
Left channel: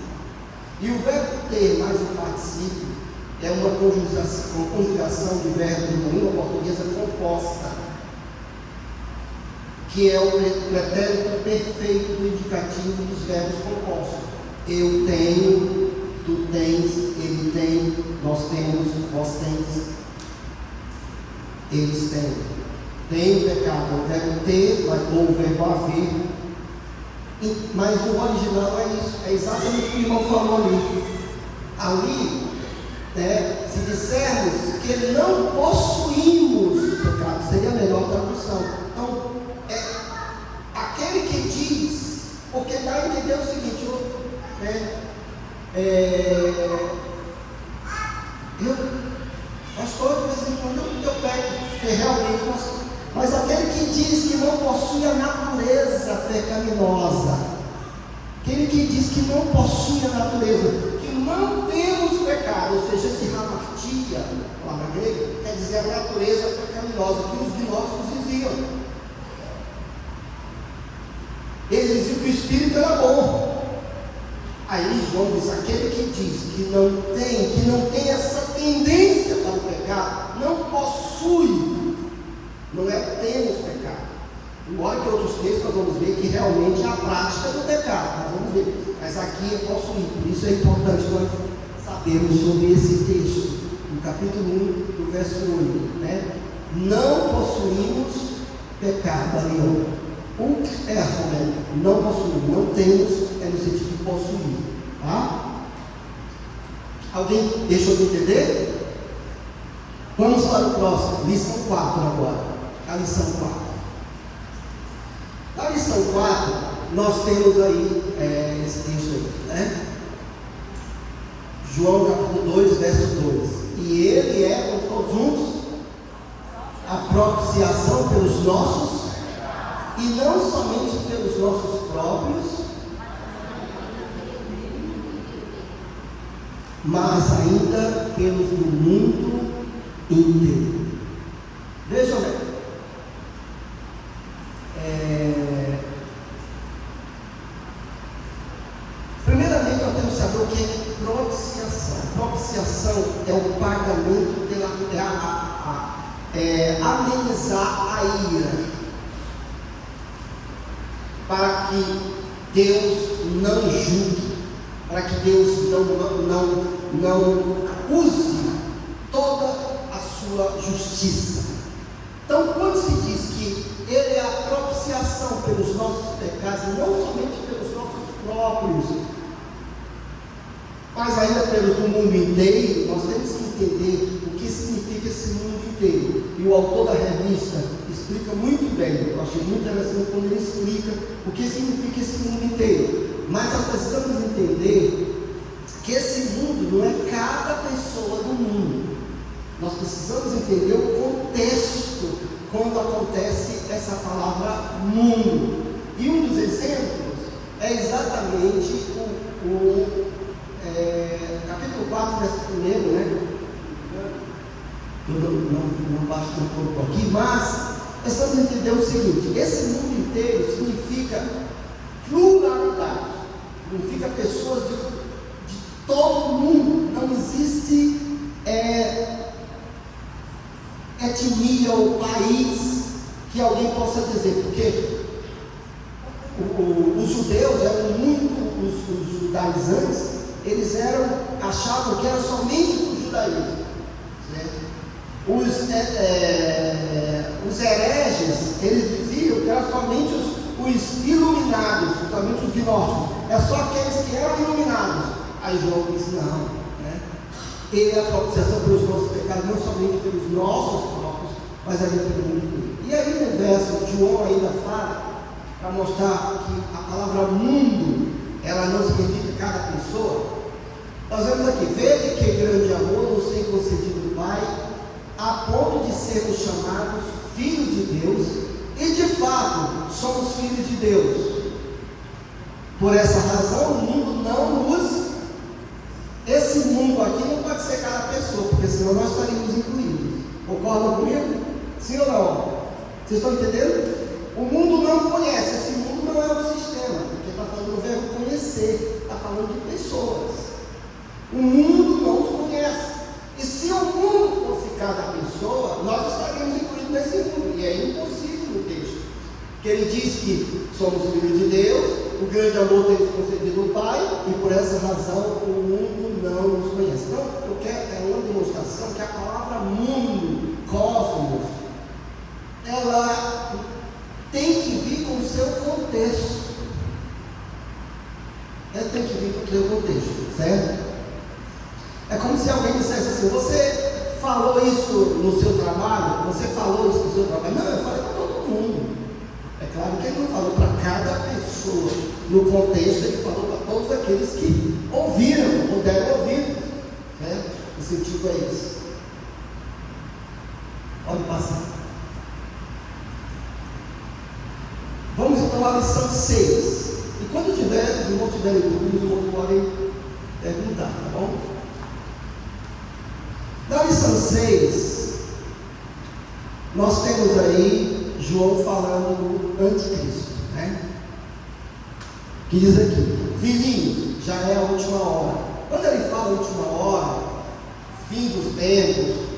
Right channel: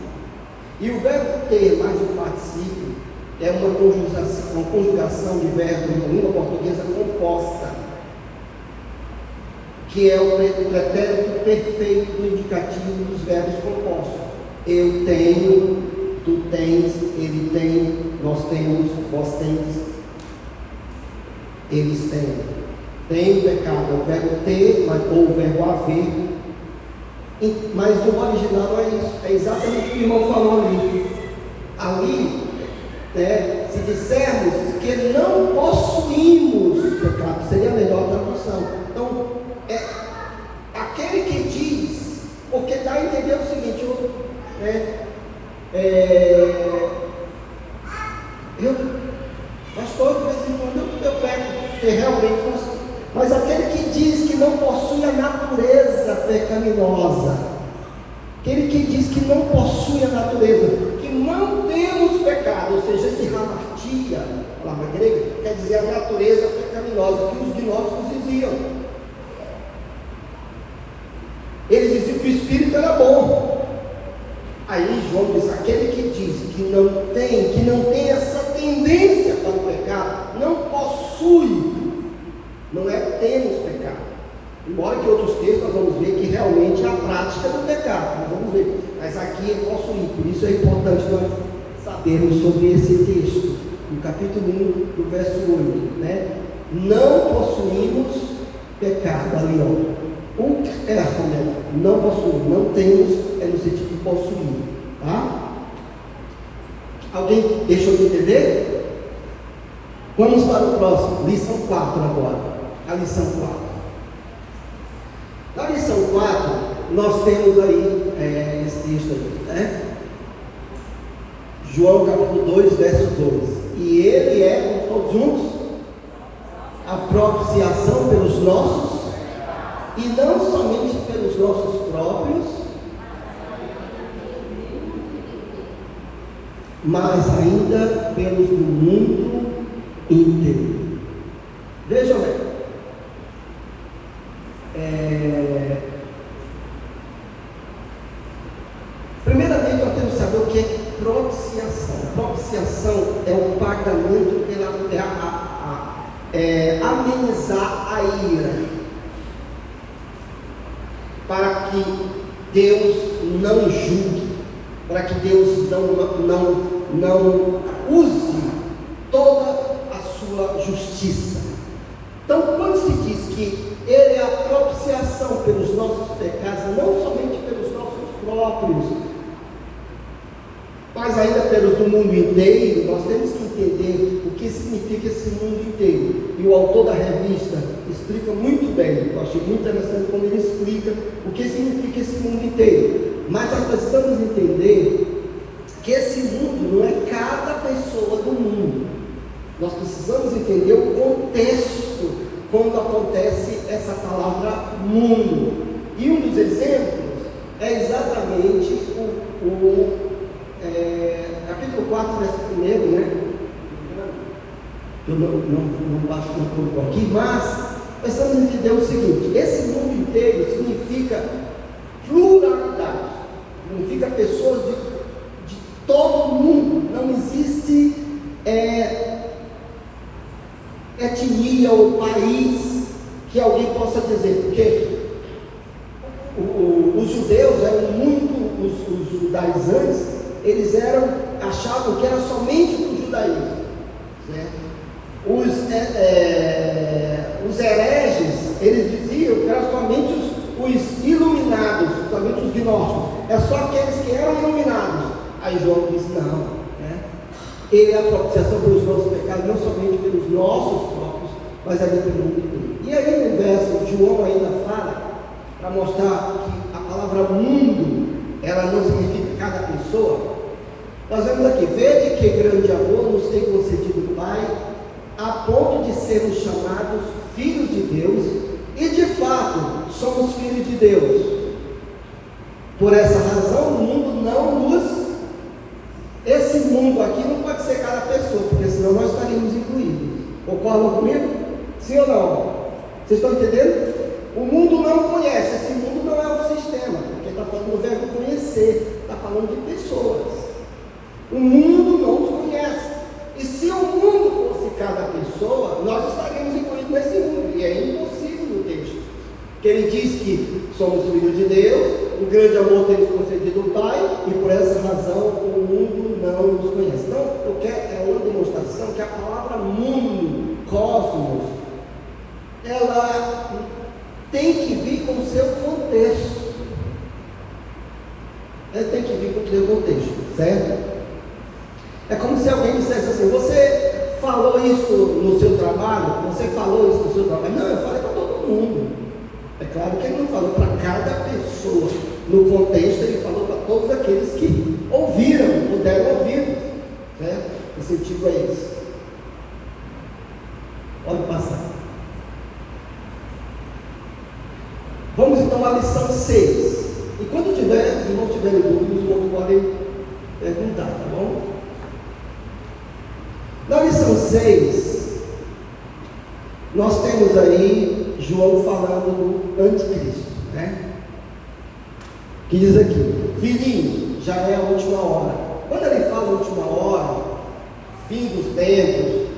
E o verbo ter mais o particípio é uma conjugação de verbo na língua portuguesa composta, que é o pretérito perfeito do indicativo dos verbos compostos. Eu tenho, tu tens, ele tem, nós temos, vós tens, eles têm. Tem pecado, o verbo ter ou o verbo haver, mas no original não é isso, é exatamente o que o irmão falou ali. Ali, se dissermos que não possuímos pecado, seria a melhor tradução. Então, aquele que diz, porque dá a entender o seguinte, pastor, de vez em quando eu peco, porque realmente não. Mas aquele que diz que não possui a natureza pecaminosa. Aquele que diz que não possui a natureza, que não temos pecado, ou seja, esse hamartia, a palavra grega, quer dizer a natureza pecaminosa, que os gnósticos diziam. Eles diziam que o Espírito era bom. Aí João diz, aquele que diz que não tem essa tendência para o pecado, não possui, não é temos pecado. Embora que outros textos nós vamos ver que realmente é a prática do pecado, nós vamos ver, mas aqui é possuir. Por isso é importante nós sabermos sobre esse texto, no capítulo 1, do verso 8, né? Não possuímos pecado, ali ó, né? Não possuímos, não temos, é no sentido de possuir, tá? Alguém deixou de entender? Vamos para o próximo, lição 4 agora, a lição 4. Na lição 4, nós temos aí, esse texto aí, né? João capítulo 2, verso 2. E ele é, todos juntos, a propiciação pelos nossos, e não somente pelos nossos próprios, mas ainda pelos do mundo inteiro. Vejam bem. Primeiramente, nós temos que saber o que é propiciação. Propiciação é o pagamento amenizar a ira, para que Deus não julgue, para que Deus não use toda a sua justiça. Então, quando se diz que Ele é a propiciação pelos nossos pecados, não somente pelos nossos próprios, mas ainda pelos do mundo inteiro, nós temos que entender o que significa esse mundo inteiro. E o autor da revista explica muito bem, eu achei muito interessante quando ele explica o que significa esse mundo inteiro. Mas nós precisamos entender que esse mundo não é cada pessoa do mundo. Nós precisamos entender o contexto quando acontece essa palavra mundo. E um dos exemplos é exatamente capítulo 4, verso 1, né? Eu não baixo um pouco aqui, mas precisamos entender o seguinte: esse mundo inteiro significa pluralidade, significa pessoas de todo o mundo. Não existe etnia ou país que alguém possa dizer, porque os judeus eram muito, os judaizantes, eles achavam que era somente para o judaísmo, certo? Os hereges, eles diziam que eram somente os iluminados, somente os gnósticos, é só aqueles que eram iluminados. Aí João disse, não, né? Ele é a propiciação pelos nossos pecados, não somente pelos nossos próprios, mas ainda pelo mundo inteiro. E aí no verso, João ainda fala, para mostrar que a palavra mundo, ela não significa cada pessoa. Nós vemos aqui, vede que grande amor nos tem concedido o Pai, a ponto de sermos chamados filhos de Deus, e de fato somos filhos de Deus. Por essa razão o mundo não nos... Esse mundo aqui não pode ser cada pessoa, porque senão nós estaríamos incluídos. Concordam comigo? Sim ou não? Vocês estão entendendo? O mundo não conhece, esse mundo não é um sistema, porque está falando do verbo conhecer, está falando de pessoas. O mundo não os conhece. E se o mundo fosse cada pessoa, nós estaríamos incluídos nesse mundo. E é impossível no texto. Porque ele diz que somos filhos de Deus, o grande amor tem nos concedido o Pai, e por essa razão o mundo não nos conhece. Então, é uma demonstração que a palavra mundo, cosmos, ela tem que vir com o seu contexto. Ela tem que vir com o seu contexto, certo? É como se alguém dissesse assim, você falou isso no seu trabalho? Você falou isso no seu trabalho? Não, eu falei para todo mundo. É claro que ele não falou para cada pessoa. No contexto, ele falou para todos aqueles que ouviram, puderam ouvir. Certo? O sentido é esse. Pode passar. Vamos então vamos à lição 6. E quando os irmãos tiverem dúvidas, os irmãos podem perguntar, tá bom? Na lição 6, nós temos aí João falando do anticristo, né? Que diz aqui: filhinhos, já é a última hora. Quando ele fala última hora, fim dos tempos,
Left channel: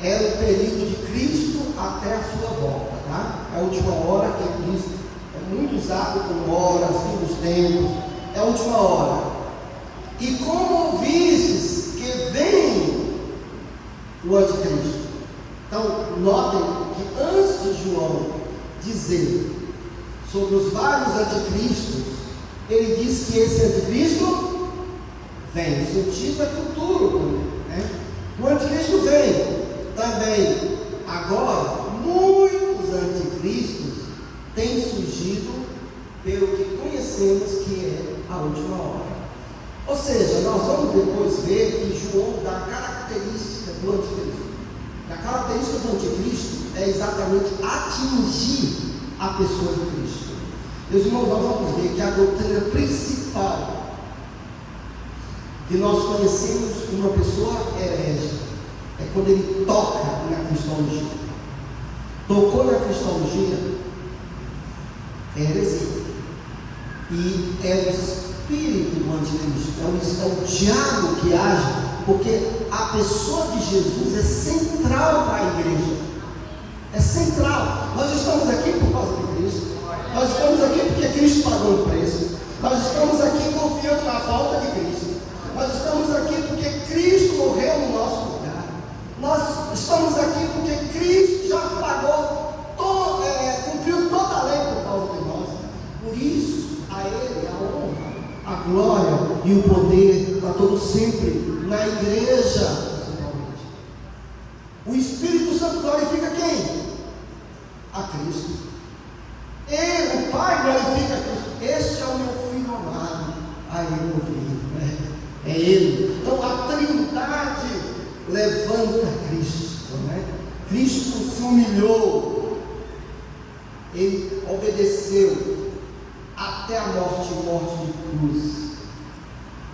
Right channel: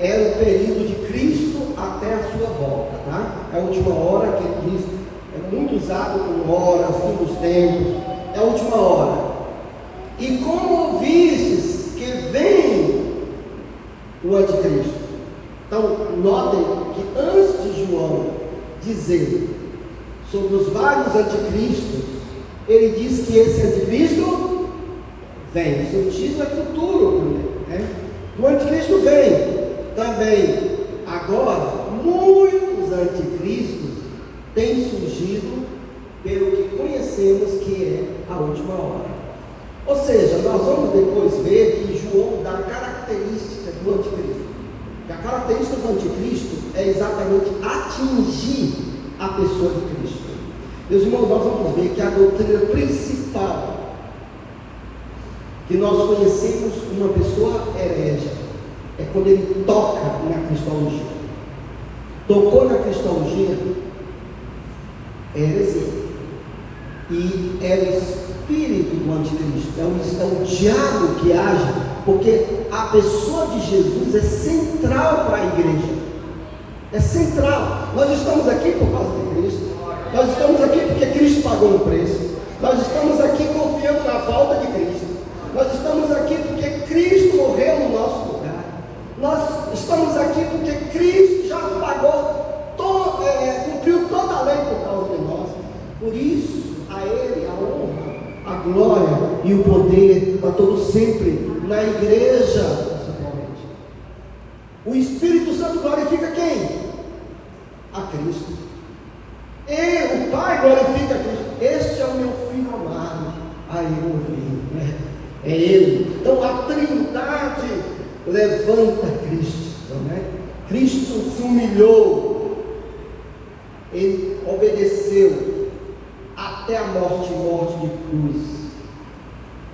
é o período de Cristo até a sua volta, tá? É a última hora que ele diz, é muito usado como hora, fim dos tempos, é a última hora. E como vistes que vem o anticristo. Então, notem que antes de João dizer sobre os vários anticristos, ele diz que esse anticristo vem. O sentido é futuro também, né? O anticristo vem também. Agora, muitos anticristos têm surgido pelo que conhecemos que é a última hora. Ou seja, nós vamos depois ver que João dá a característica do anticristo. E a característica do anticristo é exatamente atingir a pessoa de Cristo. Meus irmãos, nós vamos ver que a doutrina principal que nós conhecemos uma pessoa herege é quando ele toca na cristologia. Tocou na cristologia, é heresia. E é o espírito do anticristo, é o diabo que age, porque a pessoa de Jesus é central para a igreja. É central. Nós estamos aqui por causa de Cristo. Nós estamos aqui porque Cristo pagou um preço. Nós estamos aqui confiando na volta de Cristo. Nós estamos aqui porque Cristo morreu no nosso lugar. Nós estamos aqui porque Cristo já pagou, cumpriu toda a lei por causa de nós. Por isso, a Ele a honra, a glória e o poder para todo sempre na igreja, principalmente. O Espírito Santo glorifica quem? A Cristo. E o Pai glorifica a Cristo. Este é o meu filho amado, a Ele ouvido, né? É Ele. Então a Trindade levanta Cristo, né? Cristo se humilhou, Ele obedeceu até a morte de cruz.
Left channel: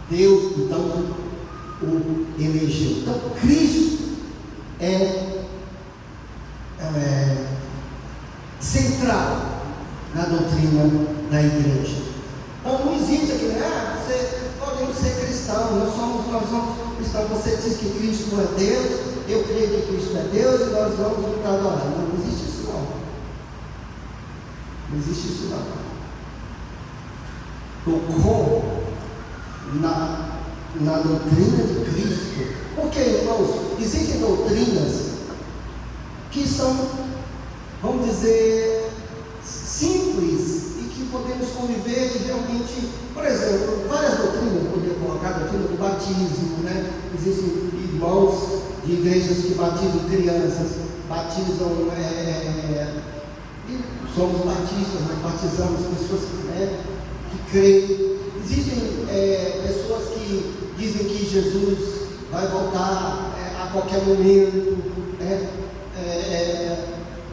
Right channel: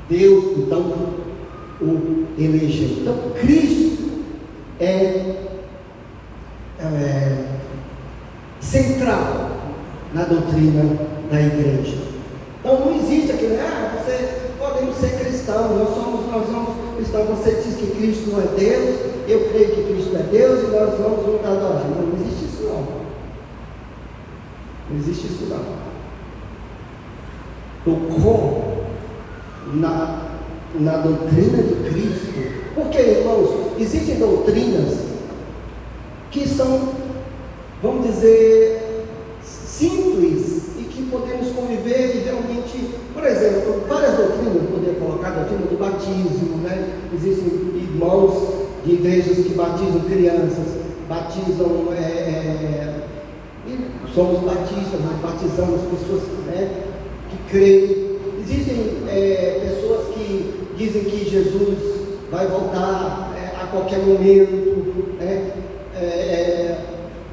Deus então o elegeu. Então Cristo é central na doutrina da igreja. Então não existe aquele, você podemos ser cristão, nós somos cristãos, você diz que Cristo não é Deus, eu creio que Cristo é Deus e nós vamos juntar adorar. Não existe isso não. Não existe isso não. Tocou na doutrina de Cristo. Porque, irmãos, existem doutrinas que são, vamos dizer, simples e que podemos conviver e realmente, por exemplo, várias doutrinas, poderia colocar a doutrina do batismo, né? Existem irmãos de igrejas que batizam crianças, batizam, somos batistas, nós batizamos pessoas, né, que creem. Existem pessoas que dizem que Jesus vai voltar a qualquer momento, né?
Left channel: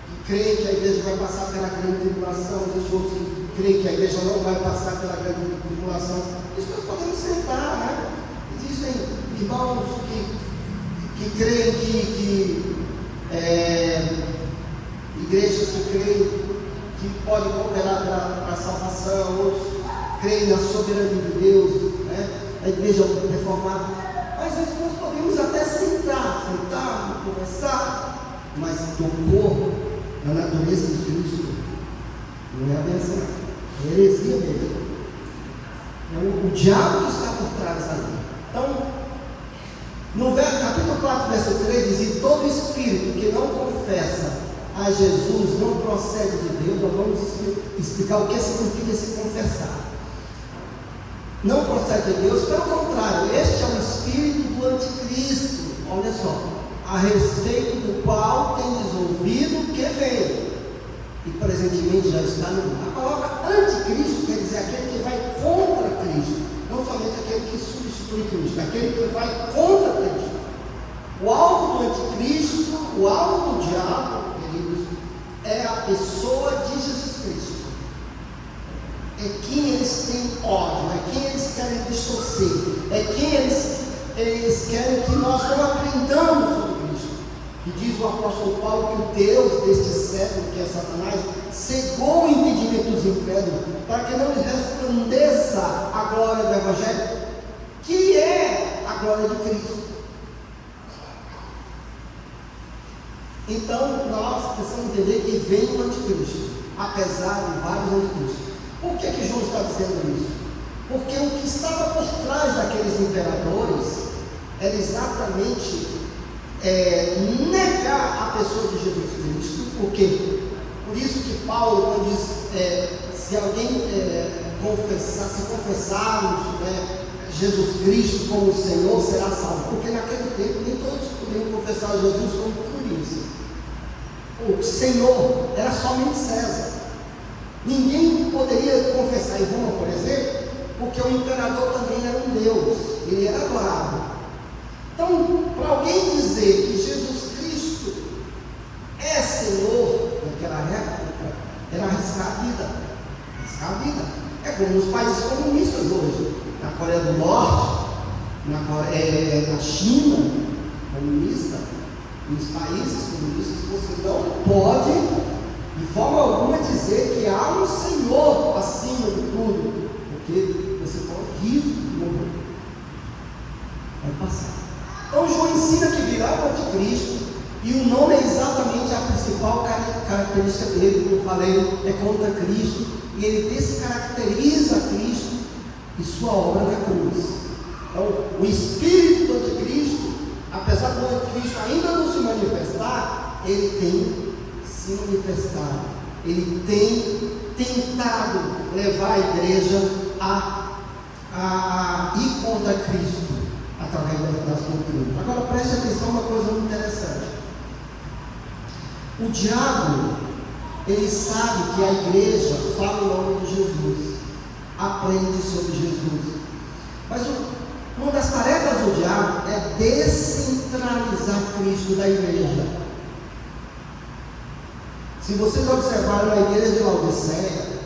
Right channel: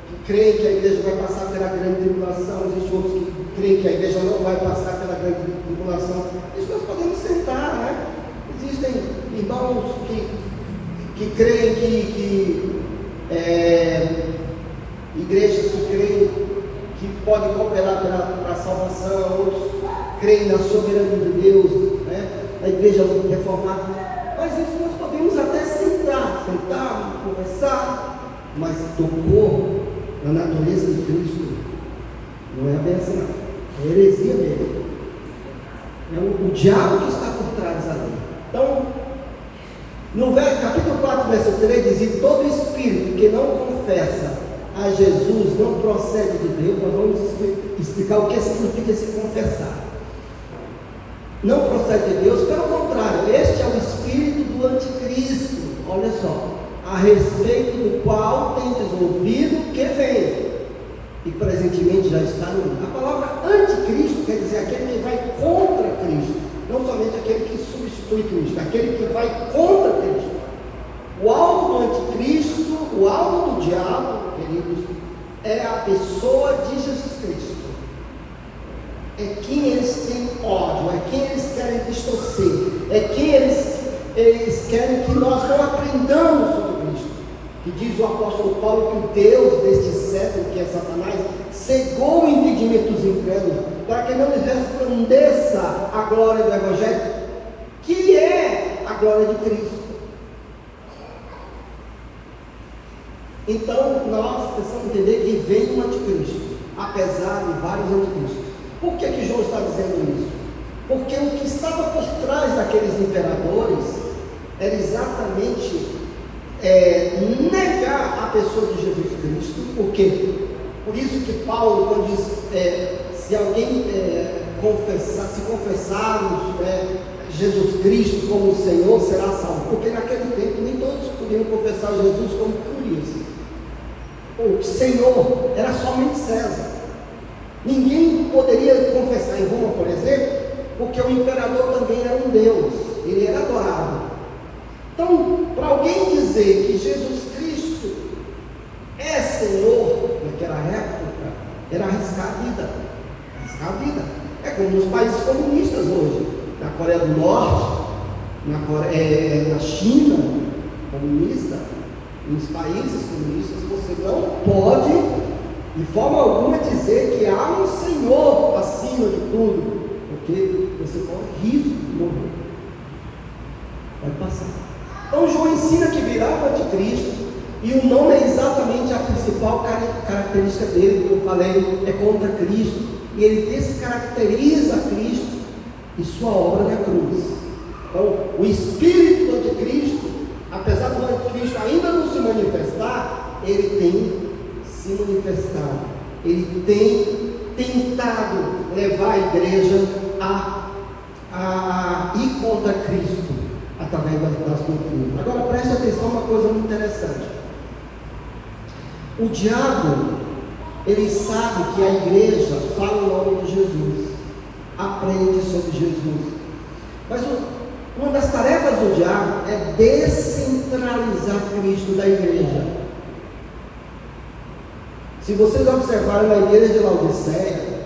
Que creem que a igreja vai passar pela grande tribulação. Existem outros que creem que a igreja não vai passar pela grande tribulação. Isso nós podemos sentar, né? Existem irmãos que creem que igrejas que creem que podem cooperar para a salvação, outros creem na soberania de Deus, né? A igreja reformada. Mas isso nós podemos até sentar, conversar, mas tocou na natureza de Cristo, não é a benção, é heresia mesmo. É o diabo que está por trás ali. Então, no capítulo 4, verso 3, diz: e todo espírito que não confessa a Jesus não procede de Deus. Nós vamos explicar o que significa se confessar. Não procede de Deus, pelo contrário, este é o espírito do anticristo. Olha só, a respeito do qual tendes ouvido que vem e presentemente já está no mundo. A palavra anticristo quer dizer aquele que vai contra Cristo, não somente aquele que substitui Cristo, aquele que vai contra Cristo. O alvo do anticristo, o alvo do diabo, queridos, é a pessoa de Jesus Cristo. é quem eles têm ódio, é quem eles querem distorcer, é quem eles querem que nós não aprendamos sobre Cristo. E diz o apóstolo Paulo que o Deus deste século, que é Satanás, cegou o entendimento dos incrédulos, para que não lhes resplandeça a glória do Evangelho, que é a glória de Cristo. Então nós precisamos entender que vem o anticristo, apesar de vários anticristos. Por que João está dizendo isso? Porque o que estava por trás daqueles imperadores era exatamente negar a pessoa de Jesus Cristo. Por quê? Por isso que Paulo, quando diz, se alguém confessarmos Jesus Cristo como Senhor, será salvo. Porque naquele tempo nem todos podiam confessar Jesus como Cristo. O Senhor era somente César. Ninguém poderia confessar em Roma, por exemplo, porque o imperador também era um Deus, ele era adorado. Então, para alguém dizer que Jesus Cristo é Senhor naquela época, era arriscar a vida. Arriscar a vida. É como nos países comunistas hoje, na Coreia do Norte, na China comunista, nos países comunistas, você não pode de forma alguma dizer que há um Senhor acima de tudo, porque você corre risco de morrer. Vai passar. Então João ensina que virá o anticristo, e o nome é exatamente a principal característica dele, como eu falei, é contra Cristo, e ele descaracteriza Cristo e sua obra na cruz. Então o espírito do anticristo, apesar do anticristo ainda não se manifestar, ele tem se manifestado, ele tem tentado levar a igreja a ir contra Cristo através das doutrinas. Agora preste atenção a uma coisa muito interessante. O diabo, ele sabe que a igreja fala o nome de Jesus, aprende sobre Jesus, mas uma das tarefas do diabo é descentralizar Cristo da igreja. Se vocês observarem na igreja de Laodiceia,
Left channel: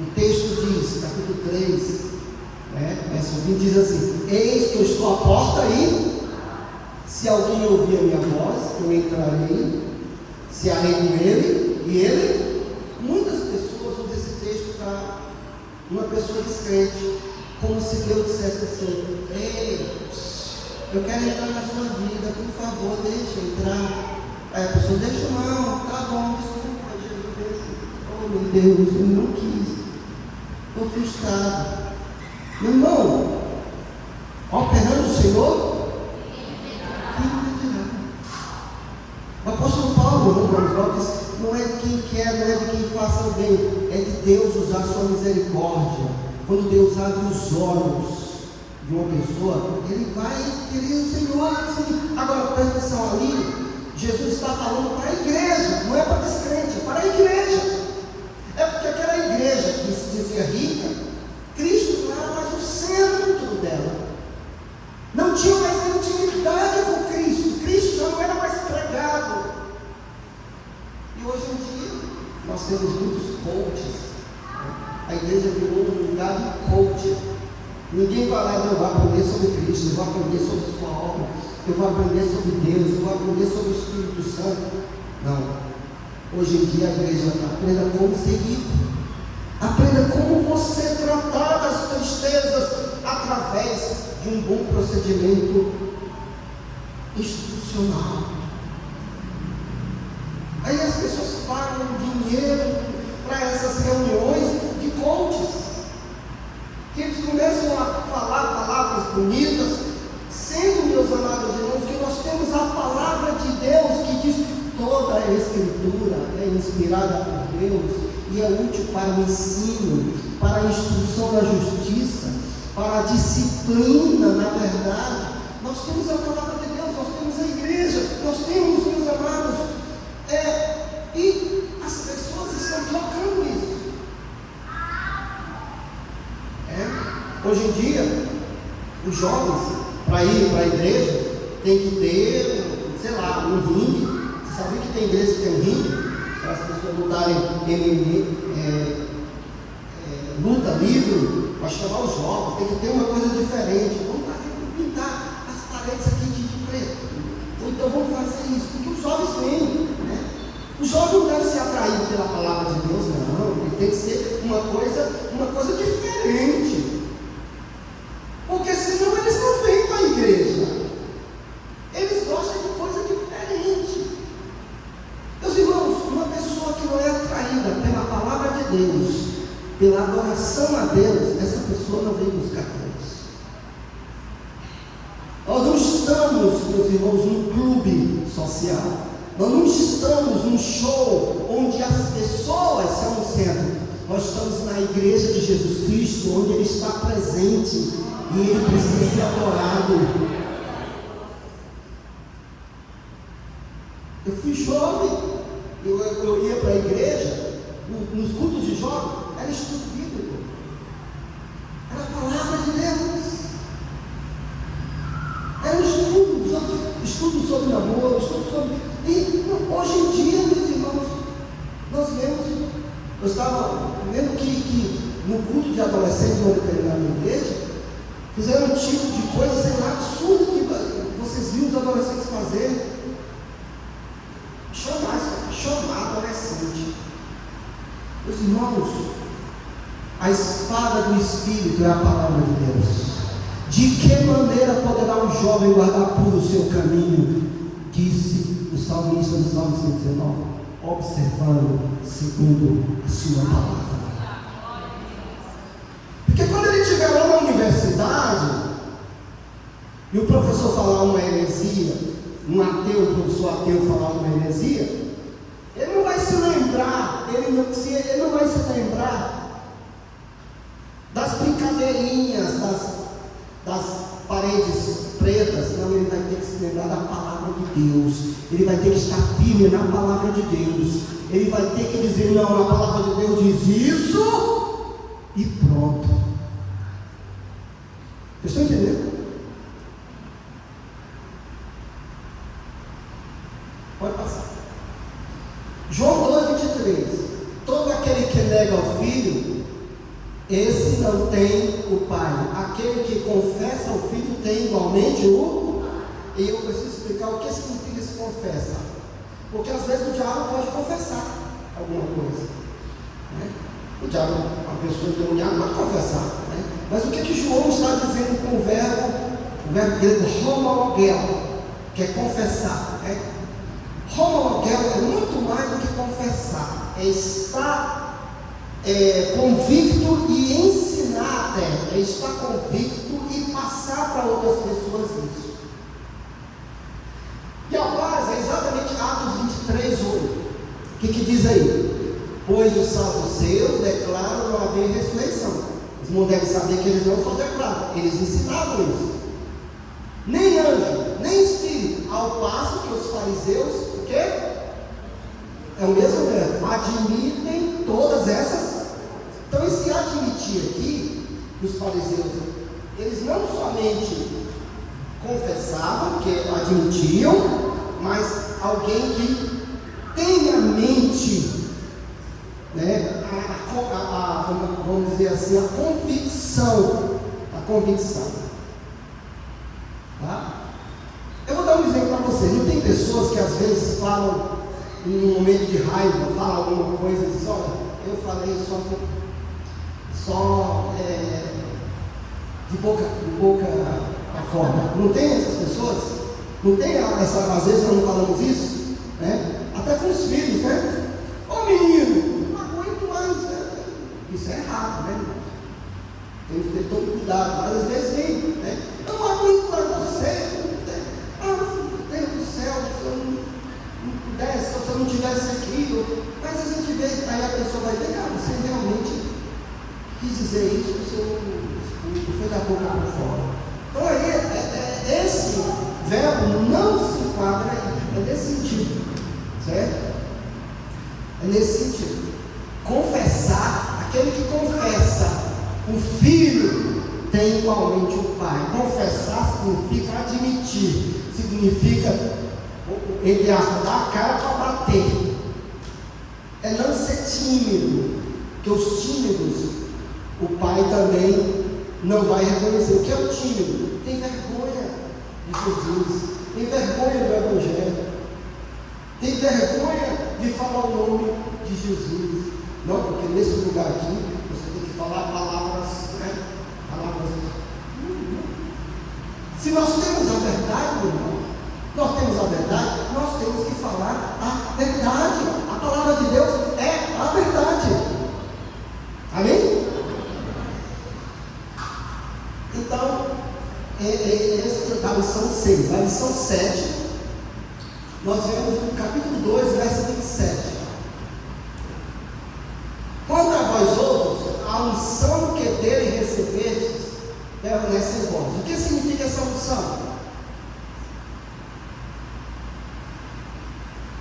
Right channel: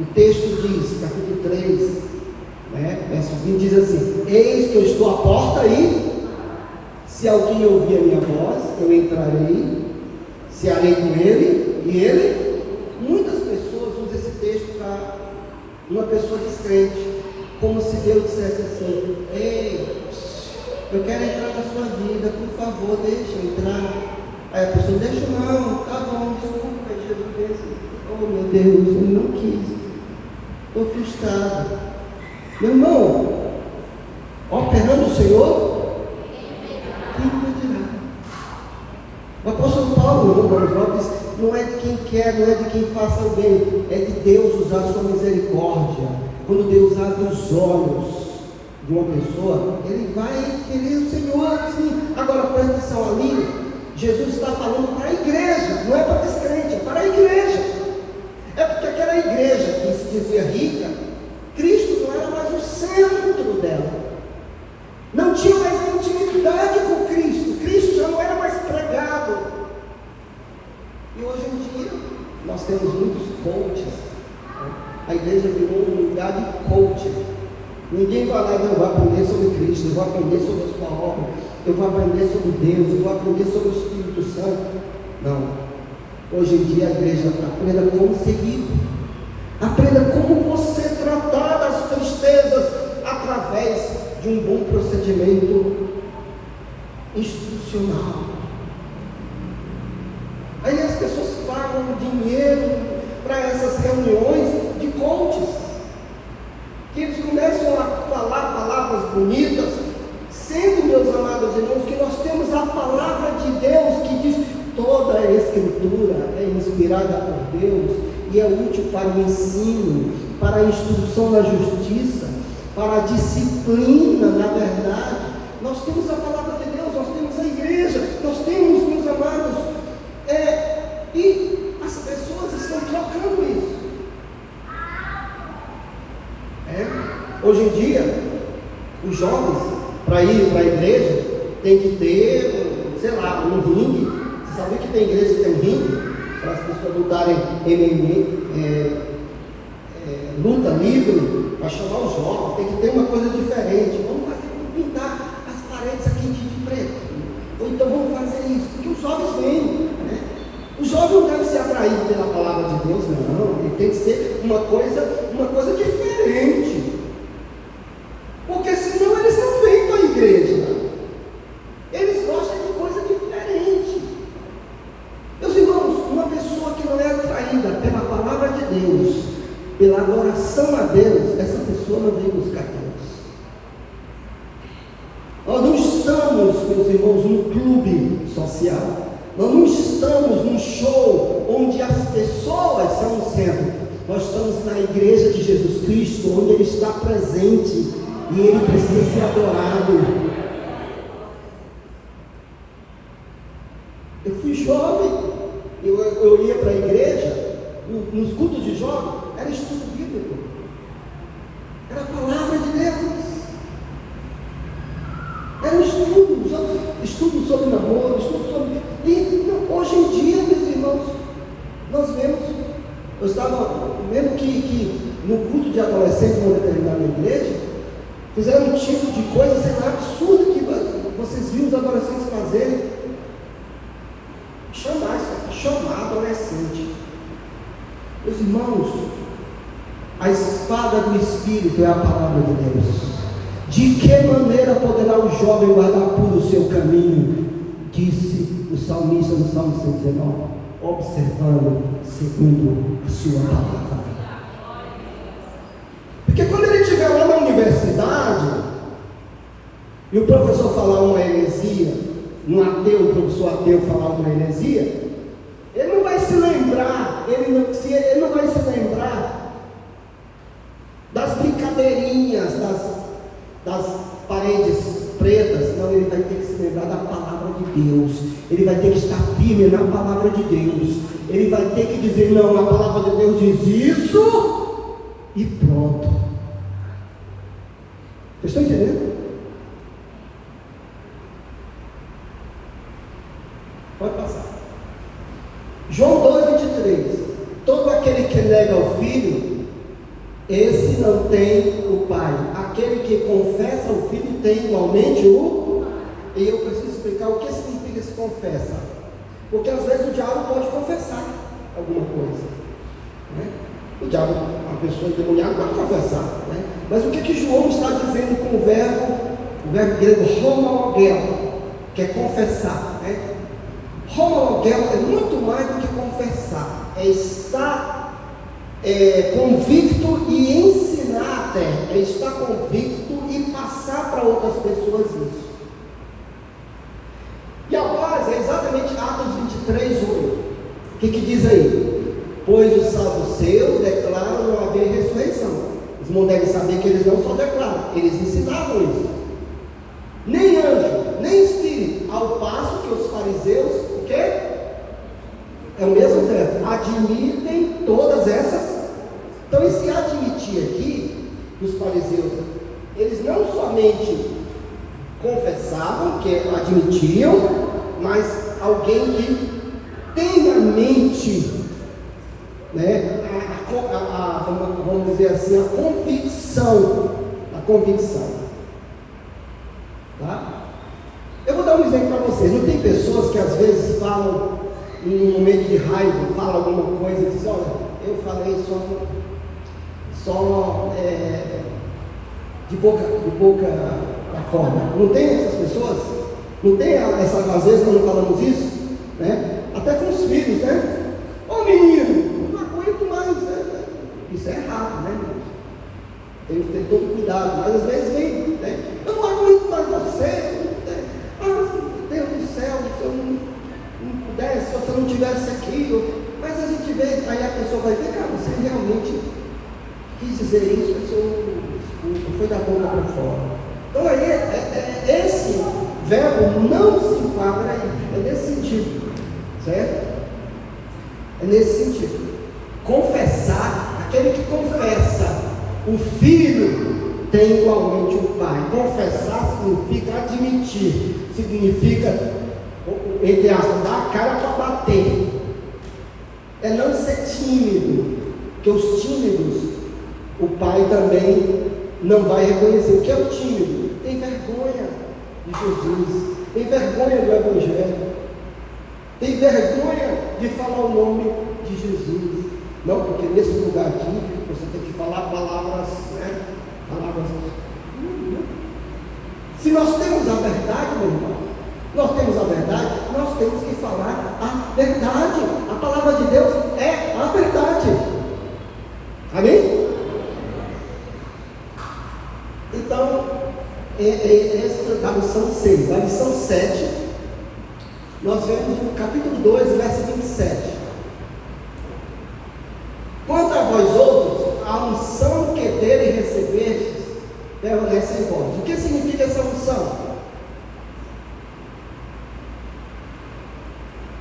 o texto diz, capítulo 3, verso 20, diz assim: eis que eu estou à porta e, se alguém ouvir a minha voz, eu entrarei, cearei com ele, e ele. Muitas pessoas usam esse texto para uma pessoa descrente, como se Deus dissesse assim: ei, eu quero entrar na sua vida, por favor, deixa eu entrar. Aí a pessoa: deixa não, tá bom, desculpa. Aí Jesus disse: oh meu Deus, eu não quis, estou frustrado. Meu irmão, operando o Senhor, quem impedirá? O apóstolo Paulo, em Romanos 9, diz: não é de quem quer, não é de quem faça o bem, é de Deus usar a sua misericórdia. Quando Deus abre os olhos de uma pessoa, ele vai querer o Senhor, sim. Agora presta atenção, ali Jesus está falando para a igreja, não é para descrente, é para a igreja. É porque aquela igreja que se dizia rica, Cristo não era mais o centro dela, não tinha mais intimidade com Cristo, Cristo já não era mais pregado. E hoje em dia nós temos muitos coaches. A igreja virou um lugar de coaching. Ninguém vai lá e não vai aprender sobre Cristo, eu vou aprender sobre a sua obra, eu vou aprender sobre Deus, eu vou aprender sobre o Espírito Santo. Não. Hoje em dia a igreja aprenda como ser rico, aprenda como você tratar das tristezas através de um bom procedimento institucional. Aí as pessoas pagam dinheiro para essas reuniões de coaches, que eles começam a falar palavras bonitas, sendo, meus amados irmãos, que nós temos a palavra de Deus que diz que toda a Escritura é inspirada por Deus e é útil para o ensino, para a instrução na justiça, para a disciplina na verdade. Nós temos a palavra de Deus, nós temos a igreja, nós temos, meus amados, e as pessoas estão trocando isso. Hoje em dia, os jovens, para ir para a igreja, tem que ter, sei lá, um ringue. Você sabia que tem igreja que tem um ringue? Para as pessoas lutarem luta livre, para chamar os jovens, tem que ter uma coisa diferente. Vamos pintar as paredes aqui de preto. Ou então vamos fazer isso, porque os jovens vêm, né? O jovem não deve ser atraído pela palavra de Deus, não. Ele tem que ser uma coisa diferente. Porque senão eles não vêm para a igreja. Eles gostam de coisa diferente. Meus irmãos, uma pessoa que não é atraída pela palavra de Deus, pela adoração a Deus, essa pessoa não vem buscar Deus. Nós não estamos, meus irmãos, num clube social. Nós não estamos num show onde as pessoas são o centro. Nós estamos na igreja de Jesus Cristo, onde Ele está presente e Ele precisa ser adorado. Eu fui jovem, eu ia para a igreja, nos cultos de jovem, era estudo bíblico, era a palavra de Deus, era um estudo sobre namoro, estudo sobre... E hoje em dia, meus irmãos, nós vemos, eu estava vendo que no culto de adolescentes, uma determinada igreja, fizeram um tipo de coisa, sei lá, absurda que vocês viram os adolescentes fazerem. Chamar adolescente. Meus irmãos, a espada do Espírito é a palavra de Deus. De que maneira poderá o jovem guardar puro o seu caminho? Disse o salmista no Salmo 119, observando segundo a sua palavra. Porque quando ele estiver lá na universidade e o professor falar uma heresia, o professor ateu falar uma heresia, ele não vai se lembrar, ele não vai se lembrar das brincadeirinhas, das paredes pretas, não, ele vai ter que se lembrar da palavra de Deus, ele vai ter que estar firme na palavra de Deus, ele vai ter que dizer, não, a palavra de Deus diz isso, e pronto. Vocês estão entendendo? Pode passar. João 2,23. Todo aquele que nega o Filho, esse não tem o Pai. Aquele que confessa o Filho tem igualmente o Pai. E eu preciso explicar o que significa esse confessa. Porque às vezes o diabo pode confessar alguma coisa, né? O diabo, uma pessoa endemoniada pode confessar, né? Mas o que João está dizendo com o verbo grego homologel, que é confessar, né? Homologel é muito mais do que confessar, é estar convicto e ensinar até, é estar convicto e passar para outras pessoas isso. E a base é exatamente Atos 23:8. O que diz aí? Pois os saduceus declaram não haver ressurreição. Os irmãos devem saber que eles não só declaram, eles ensinavam isso. Nem anjo, nem espírito, ao passo que os fariseus, o quê? É o mesmo verbo, admitem todas essas. Então esse admitir aqui, que os fariseus, eles não somente confessavam, que admitiam, mas alguém que tem a mente, né, vamos dizer assim, a convicção, tá? Eu vou dar um exemplo para vocês. Não tem pessoas que às vezes falam em um momento de raiva, falam alguma coisa e dizem, olha, eu falei só de boca a fora. Não tem essas pessoas? Não tem essa, às vezes não falamos isso, né? Até com os filhos, né? Ô menino, não aguento mais, né? Isso é errado, né? Tem que ter todo cuidado, mas às vezes vem, né? Eu não aguento mais você, né? Meu Deus do céu, se eu não pudesse, se você não tivesse aquilo, mas a gente vê, aí a pessoa vai ver, cara, você realmente quis dizer isso, foi da boca para fora. Então aí, esse verbo não se enquadra aí, é nesse sentido, certo? É nesse sentido. Confessar, aquele que confessa, o filho tem igualmente o pai. Confessar significa admitir, significa, entre aspas, dar a cara para bater. É não ser tímido, porque os tímidos, pai também não vai reconhecer. O que é o tímido? Tem vergonha de Jesus, tem vergonha do Evangelho, tem vergonha de falar o nome de Jesus. Não, porque nesse lugar aqui você tem que falar palavras, né? Palavras. Se nós temos a verdade, meu irmão, nós temos a verdade, nós temos que falar a verdade. A palavra de Deus é a verdade. Amém? Então, essa é a lição 6. A lição 7, nós vemos no capítulo 2, verso 27. Quanto a vós outros, a unção que dele recebestes permanece em vós. O que significa essa unção?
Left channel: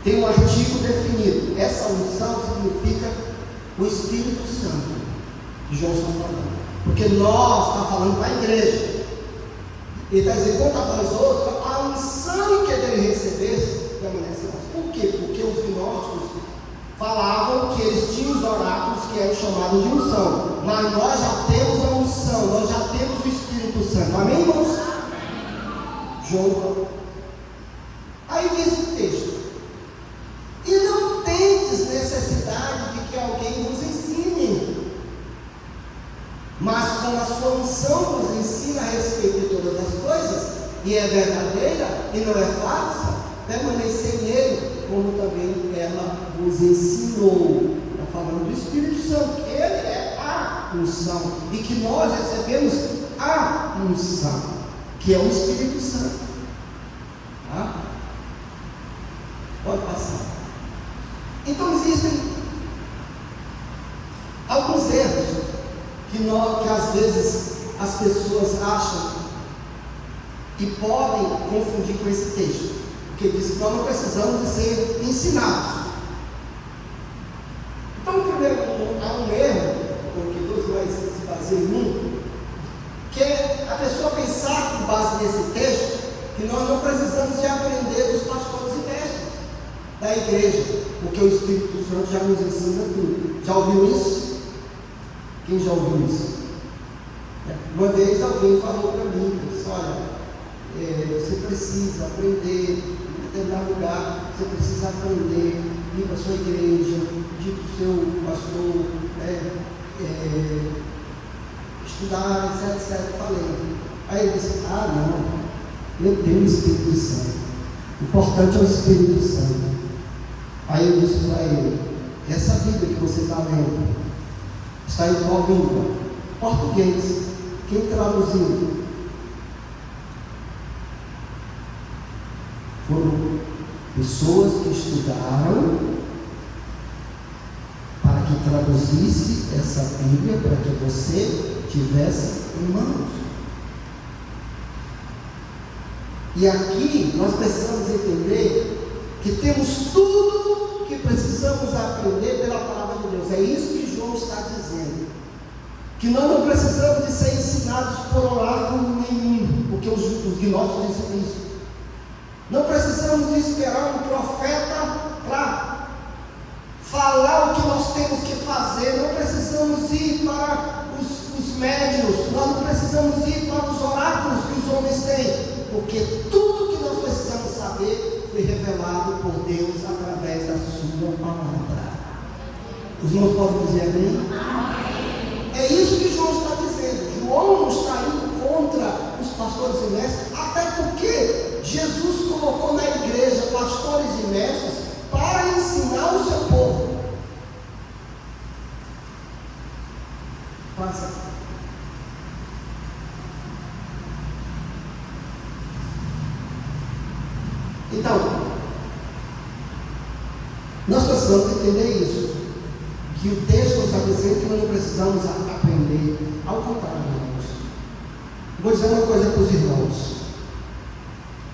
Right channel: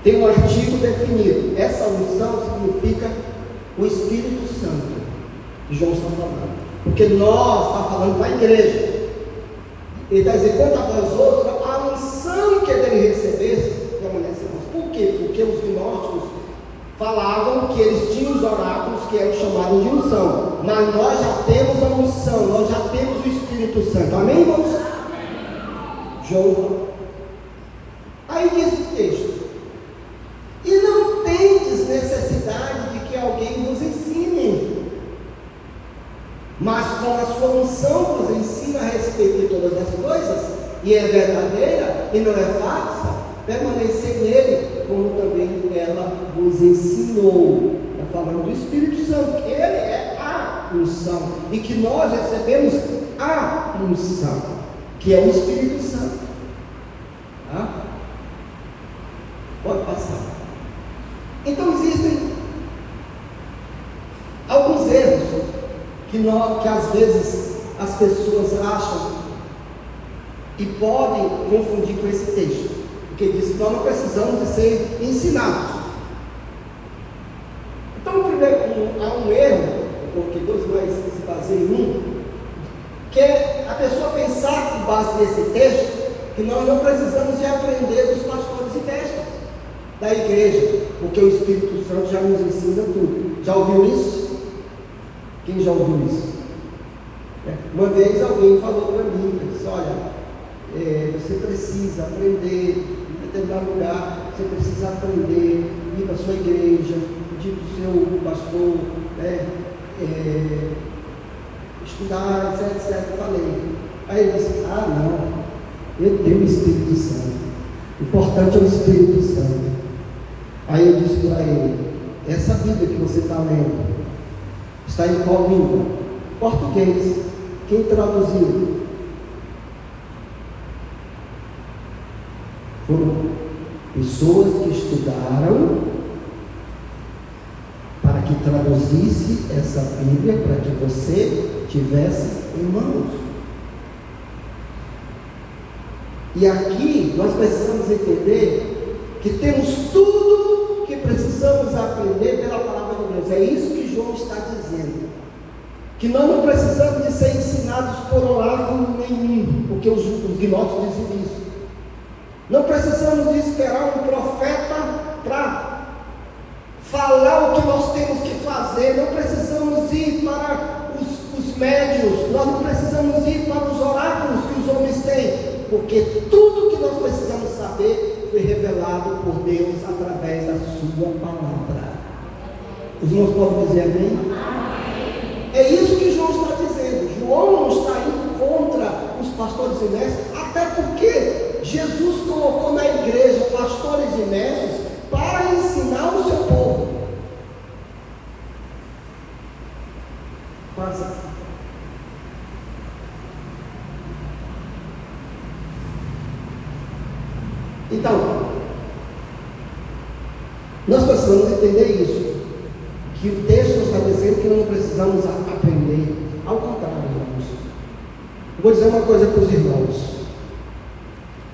Tem um artigo definido. Essa unção significa o Espírito Santo, que João está falando. Porque nós está falando para a igreja. Ele está dizendo, quanto a vós outros, a unção que dele recebesse permanece em vós. Por quê? Porque os gnósticos falavam que eles tinham os oráculos que eram chamados de unção, mas nós já temos a unção, nós já temos o Espírito Santo. Amém, irmãos? João. Aí diz o texto: e não tendes necessidade de que alguém vos ensine, mas com a sua unção vos ensina a respeito de todas as coisas, e é verdadeira e não é falsa, permanecer nele, como também ela vos ensinou. Está falando do Espírito Santo, que ele é a unção, e que nós recebemos a unção, que é o Espírito Santo. Tá? Pode passar. Então existem alguns erros que às vezes as pessoas acham e podem confundir com esse texto, porque diz que nós não precisamos de ser ensinados. Então, primeiro, há um erro, porque dois mais se baseiam em um, que é a pessoa pensar, com base nesse texto, que nós não precisamos de aprender dos pastores e mestres da igreja, porque o Espírito Santo já nos ensina tudo. Já ouviu isso? Quem já ouviu isso? Uma vez alguém falou para mim, disse, olha, você precisa aprender, em determinado lugar, você precisa aprender, ir para a sua igreja, pedir para o seu pastor, estudar, etc. Eu falei. Aí ele disse, não, eu tenho o Espírito Santo, o importante é o Espírito Santo. Aí eu disse para ele, essa Bíblia que você está lendo, está em qual língua? Português. Quem traduziu? Foram pessoas que estudaram para que traduzisse essa Bíblia, para que você tivesse em mãos. E aqui nós precisamos entender que temos tudo que precisamos aprender pela palavra de Deus. É isso que João está dizendo. Que nós não precisamos de ser ensinados por oráculo nenhum, porque os gnósticos dizem isso. Não precisamos de esperar um profeta para falar o que nós temos que fazer. Não precisamos ir para os médiuns. Nós não precisamos ir para os oráculos que os homens têm, porque tudo que nós precisamos saber foi revelado por Deus através da sua palavra. Os irmãos podem dizer amém? É isso que João está dizendo. João não está indo contra os pastores e mestres, até porque Jesus colocou na igreja pastores e mestres para ensinar o seu povo. Passa. Então, nós precisamos entender isso, que o texto está dizendo que nós não precisamos aprender. Ao contrário, irmãos. Vou dizer uma coisa para os irmãos.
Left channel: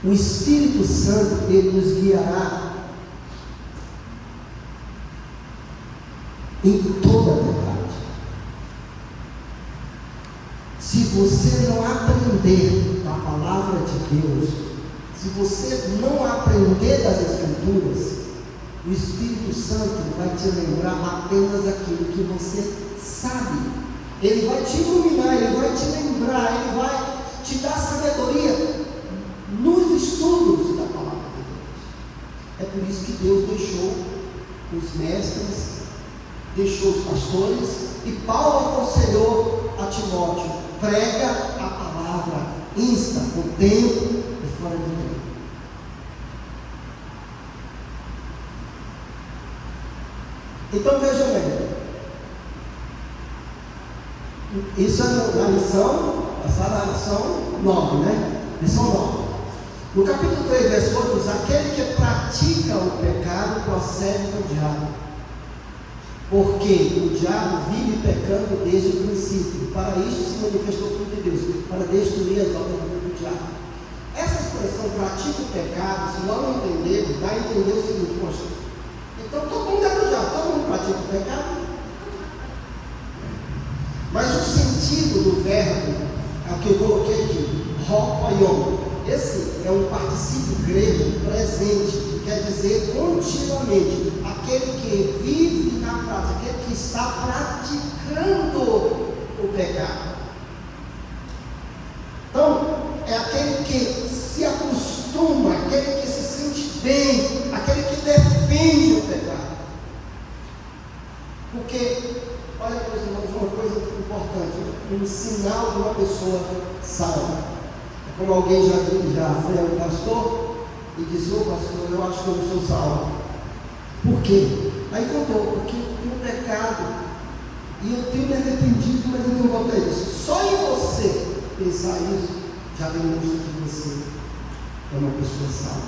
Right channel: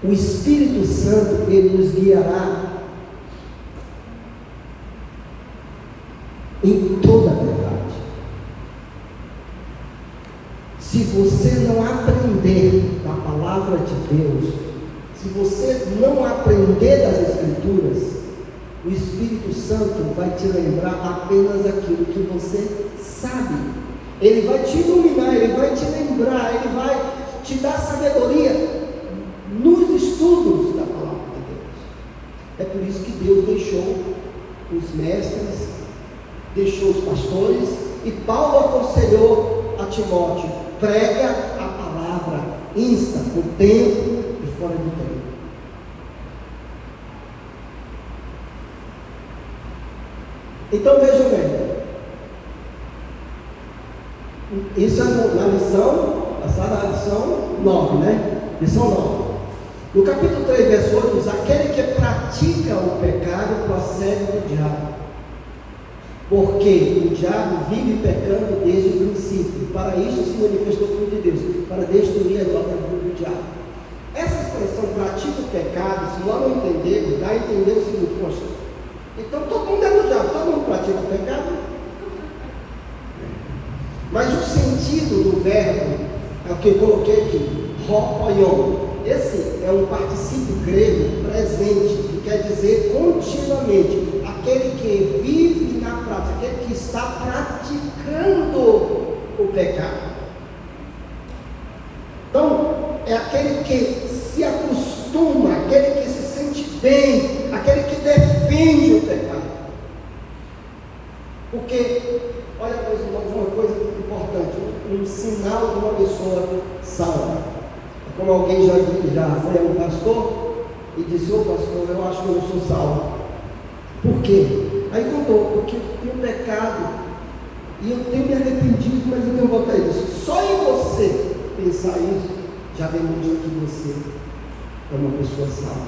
O Espírito Santo, ele nos guiará em toda a verdade. Se você não aprender da palavra de Deus, se você não aprender das Escrituras, o Espírito Santo vai te lembrar apenas aquilo que você sabe. Ele vai te iluminar, Ele vai te lembrar, Ele vai te dar sabedoria nos estudos da palavra de Deus. É por isso que Deus deixou os mestres, deixou os pastores, e Paulo aconselhou a Timóteo: prega a palavra, insta no tempo e fora do tempo. Então vejam bem, isso é na lição, passada a lição 9, né? Lição 9. No capítulo 3, verso 8, diz: aquele que pratica o pecado procede do diabo, porque o diabo vive pecando desde o princípio. Para isto se manifestou o Filho de Deus, para destruir as obras do diabo. Essa expressão pratica o pecado, se nós não entendermos, dá a entender o seguinte: poxa, então todo mundo é do diabo, todo mundo pratica o pecado. Mas o sentido do verbo é o que eu coloquei aqui, hopoion. Esse é um particípio grego presente, que quer dizer continuamente, aquele que vive na prática, aquele que está praticando o pecado. Então, é aquele que se acostuma, aquele que se sente bem, aquele que defende o pecado. Porque, olha, meus irmãos, uma coisa importante, um sinal de uma pessoa salva. Como alguém já foi a um pastor e disse: ô pastor, eu acho que eu não sou salvo. Por quê? Aí contou: porque eu tenho pecado e eu tenho me arrependido, mas eu tenho vontade disso. Só em você pensar isso já demonstra que você é uma pessoa salva.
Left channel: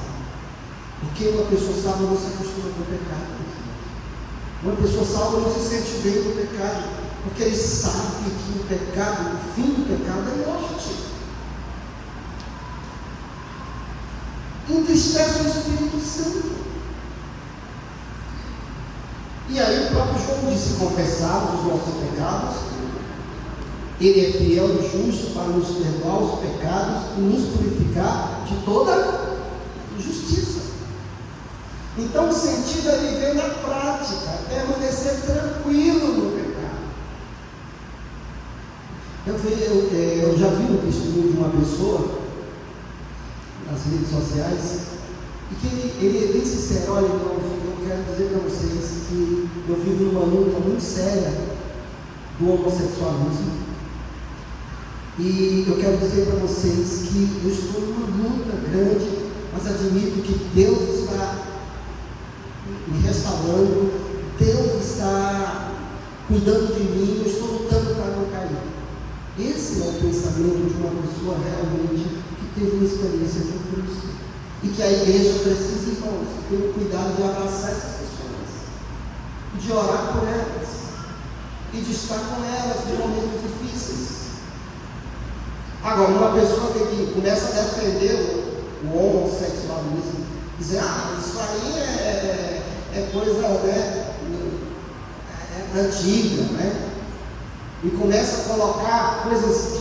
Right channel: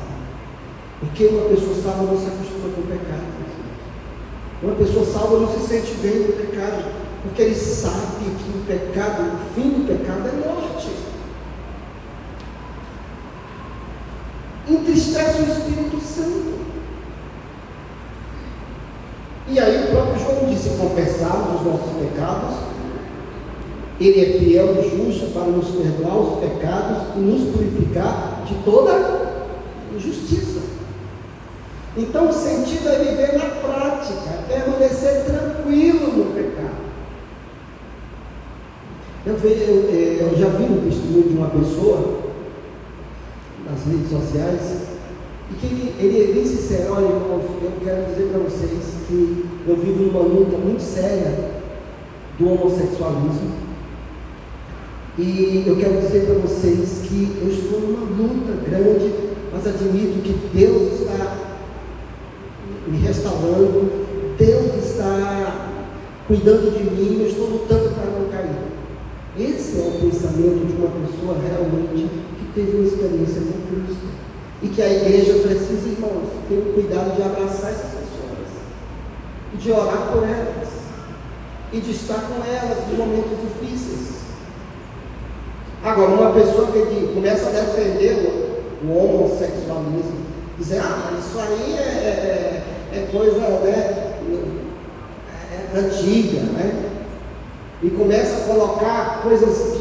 Porque uma pessoa salva não se acostuma com o pecado. Uma pessoa salva não se sente bem com o pecado, porque ele sabe que o pecado, o fim do pecado é morte. Entristece o Espírito Santo. E aí o próprio João disse: confessarmos os nossos pecados, Ele é fiel e justo para nos perdoar os pecados e nos purificar de toda injustiça. Então o sentido é viver na prática, permanecer tranquilo no pecado. Eu já vi um testemunho de uma pessoa nas redes sociais, e que ele é bem sincero: olha, irmãos, eu quero dizer para vocês que eu vivo numa luta muito séria do homossexualismo, e eu quero dizer para vocês que eu estou numa luta grande, mas admito que Deus está me restaurando, Deus está cuidando de mim, eu estou lutando para não cair. Esse é o pensamento de uma pessoa realmente que teve uma experiência com Cristo, e que a igreja precisa, irmãos, ter o cuidado de abraçar essas pessoas, e de orar por elas, e de estar com elas em momentos difíceis. Agora, uma pessoa que começa a defender o homossexualismo, dizer: isso aí é coisa, né, antiga, né? E começa a colocar coisas,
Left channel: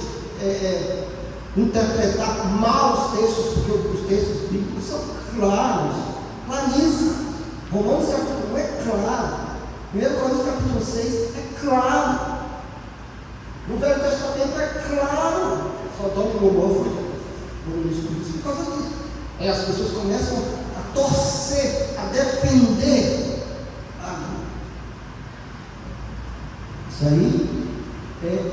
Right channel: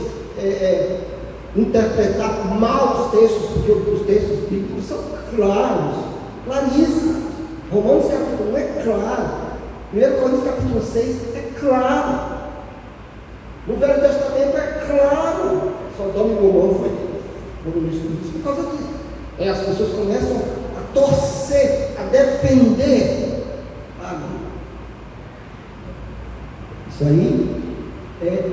interpretar mal os textos, porque os textos bíblicos são claros, claríssimos. Romanos capítulo 1 é claro, 1 Coríntios capítulo 6 é claro, no Velho Testamento é claro. Sodoma e Gomorra foi por causa disso. As pessoas começam a torcer, a defender a Bíblia. Isso aí é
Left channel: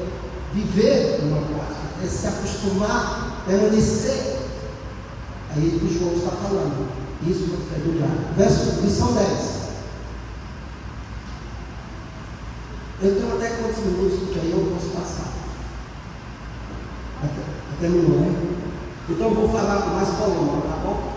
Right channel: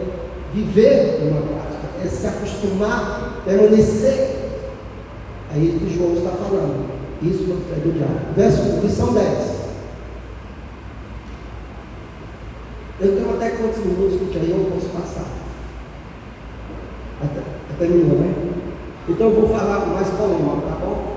viver numa prática, é se acostumar, permanecer. Aí o João está falando, isso é do diabo. Lição 10. Eu tenho até quantos minutos, porque aí eu posso passar. Até terminou, né? Então eu vou falar mais polêmico, tá bom?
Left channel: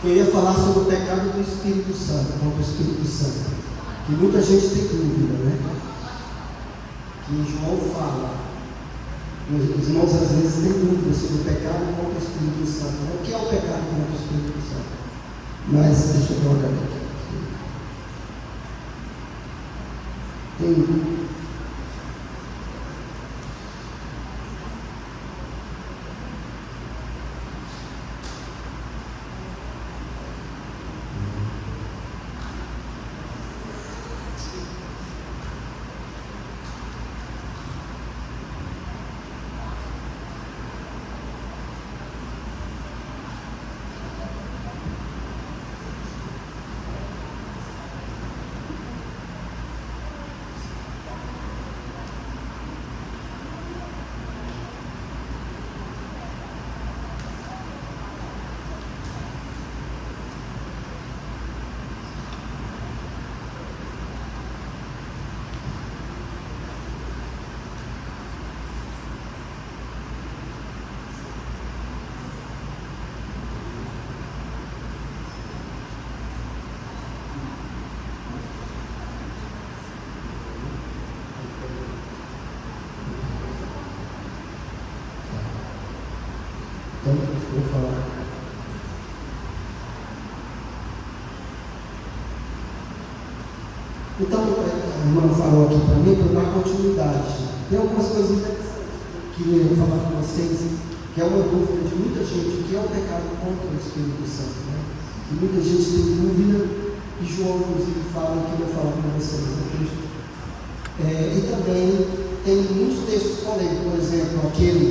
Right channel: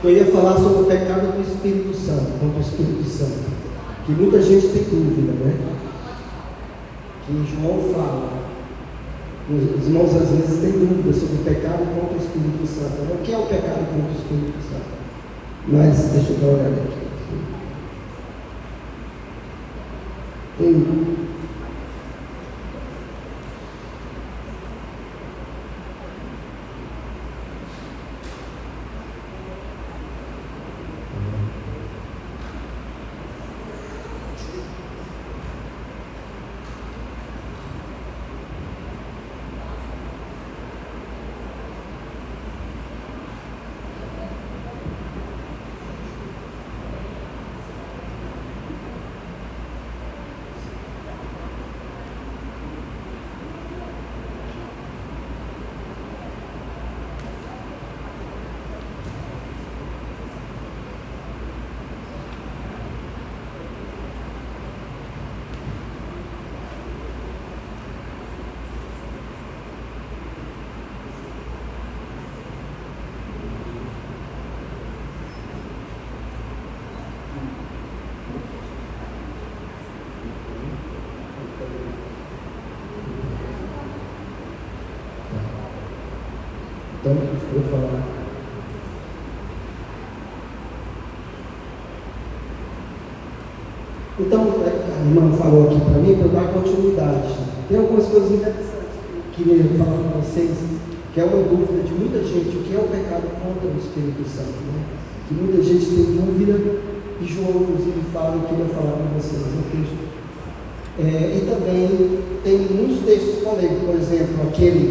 que eu ia falar sobre o pecado do Espírito Santo, contra o Espírito Santo, que muita gente tem dúvida, né? Que João fala, os irmãos às vezes têm dúvida sobre o pecado contra o Espírito Santo. O que é o pecado contra o Espírito Santo? Mas deixa eu dar uma olhada aqui. Tem Então, eu falo. Então, a irmã falou aqui para mim, para dar continuidade. Tem algumas coisas interessantes que eu queria falar para vocês, que é uma dúvida de muita gente, o que é o pecado contra o Espírito Santo, né? Que muita gente tem dúvida, e João, inclusive, fala que eu vou falar para vocês no texto. E também tem muitos textos polêmicos, por exemplo, aquele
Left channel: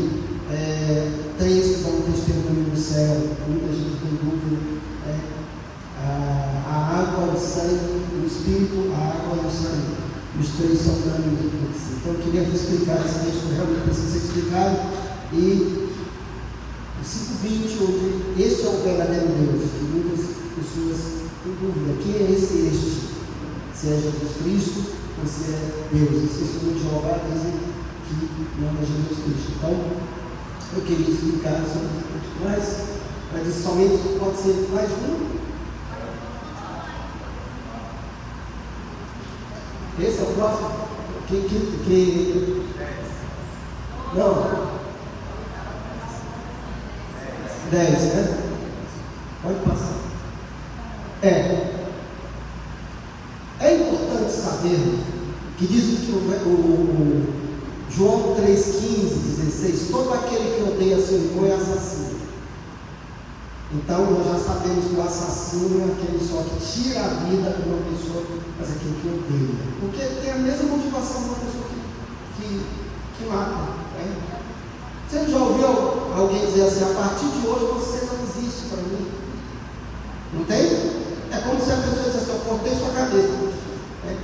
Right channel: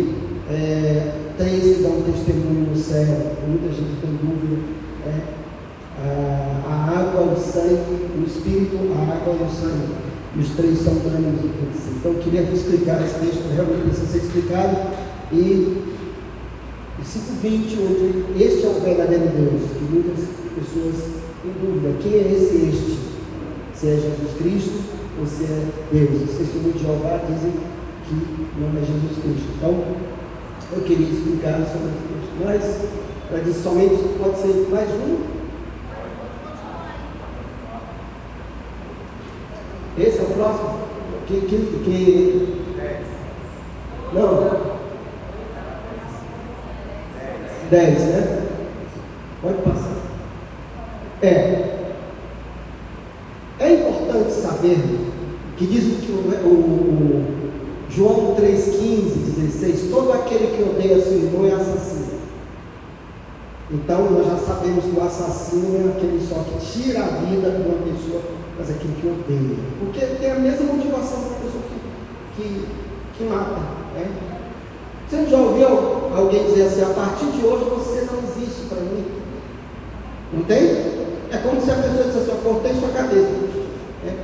3 que dão um testemunho no céu, muita gente tem dúvida, a água, o sangue, o Espírito, a água e o sangue, e os 3 são unânimes entre si. Então eu queria vos explicar esse texto, realmente precisa ser explicado, e 5:20, onde este é o verdadeiro Deus, que muitas pessoas têm dúvida, quem é este? Se é Jesus Cristo ou se é Deus? Os testemunhos de Jeová dizem que não é Jesus Cristo. Então, eu queria explicar sobre isso, mas para dizer somente pode ser mais um. Esse é o próximo. Não. 10, né? Pode passar. É importante sabermos que diz que o João 3,15, 16, todo aquele que odeia seu irmão é assassino. Então nós já sabemos que o assassino é aquele só que tira a vida de uma pessoa, mas aquele que odeia. Porque tem a mesma motivação da pessoa que mata. Né? Você já ouviu alguém dizer assim, a partir de hoje você não existe para mim? Não tem? É como se a pessoa dissesse assim, eu cortei sua cabeça. Né?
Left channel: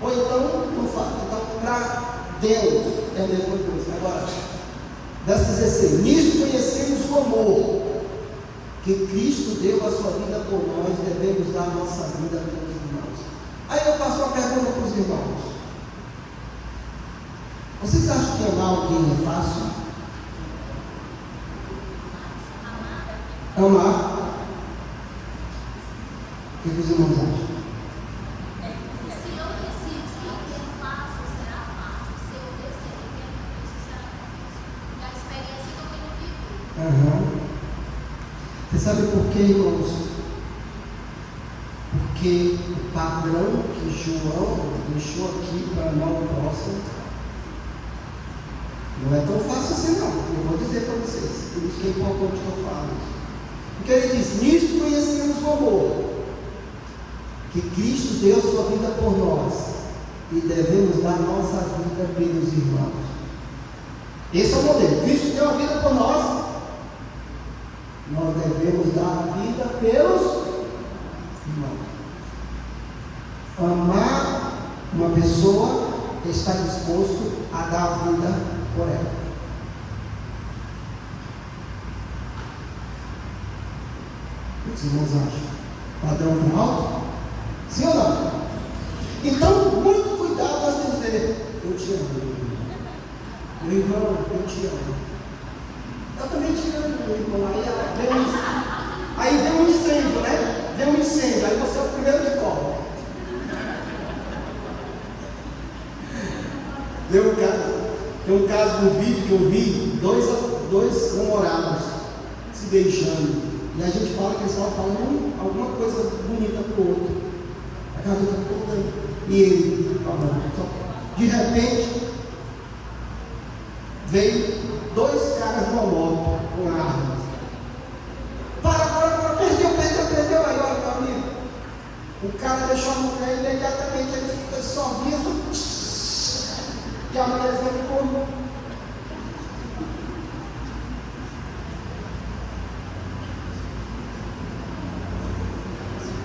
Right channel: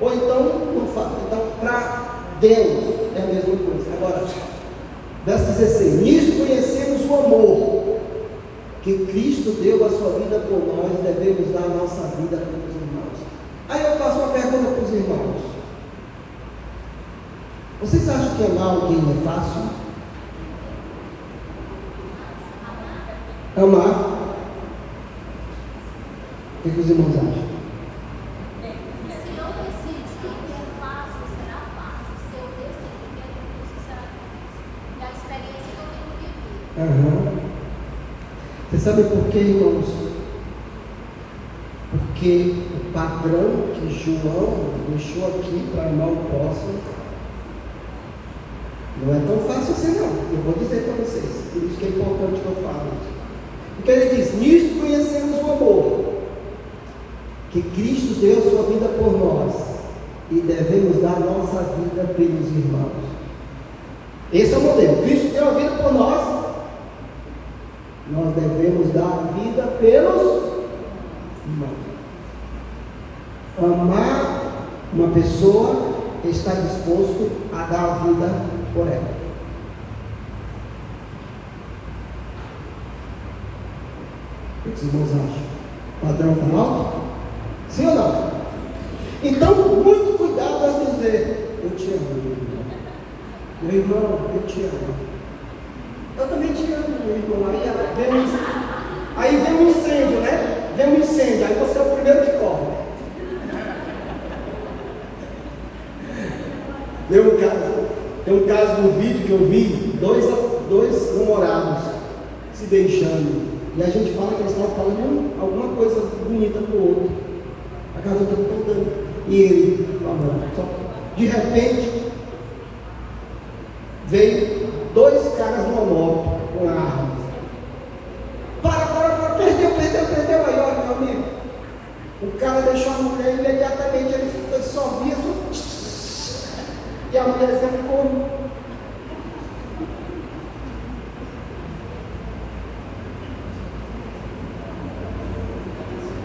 Ou então, não fala, então para Deus é a mesma coisa. Agora, verso 16: nisto conhecemos o amor que Cristo deu a sua vida por nós, devemos dar a nossa vida pelos irmãos. Aí eu faço uma pergunta para os irmãos: vocês acham que amar alguém é fácil? Amar? O que os irmãos acham? Você sabe por quê, irmãos? Porque o padrão que João deixou aqui para amar o próximo não é tão fácil assim, não. Eu vou dizer para vocês, por isso que é importante que eu falo isso. Porque ele diz: nisto conhecemos o amor que Cristo deu a sua vida por nós, e devemos dar nossa vida pelos irmãos. Esse é o modelo. Cristo deu a vida por nós, nós devemos dar a vida pelos irmãos. Amar uma pessoa, está disposto a dar a vida por ela. O que os irmãos acham? Padrão tão alto? Sim ou não? Então, muito cuidado antes de dizer: eu te amo, meu irmão. Meu irmão, eu te amo. Eu também te amo, meu irmão. Aí vem Aí vem um incêndio, né? Vem um incêndio, aí você é o primeiro que corre. Tem um caso no vídeo que eu vi, dois namorados se beijando. E a gente fala que eles estavam falando alguma coisa bonita para o outro. A garota contando. E ele, de repente, veio dois caras numa moto com arma. Para, perdeu. Aí, olha, meu amigo. O cara deixou a mulher imediatamente, ele só via e a mulher ficou.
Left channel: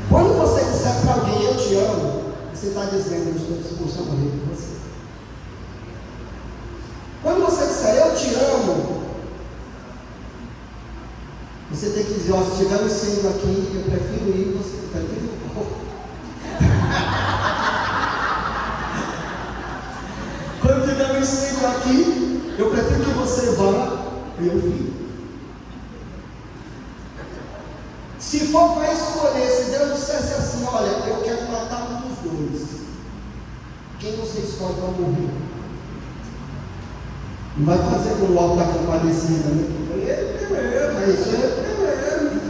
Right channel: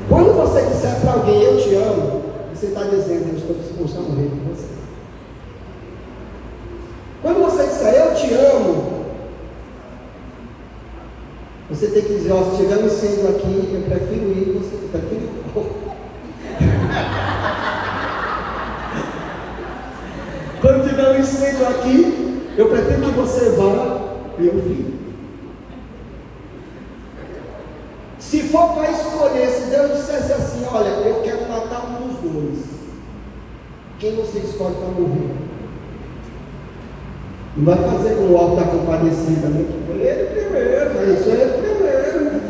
Quando você disser para alguém, eu te amo, você está dizendo, eu estou disposto a morrer por você. Quando você disser, eu te amo, você tem que dizer, ó, se tiver um incêndio aqui, eu prefiro ir, você prefiro ir. Quando tiver um incêndio aqui, eu prefiro que você vá e eu fique. Se for para escolher, se Deus dissesse assim, olha, eu quero matar um dos dois, quem você escolhe para morrer? Não vai fazer como o Alto da Compadecida, né? Ele primeiro, mas isso é primeiro.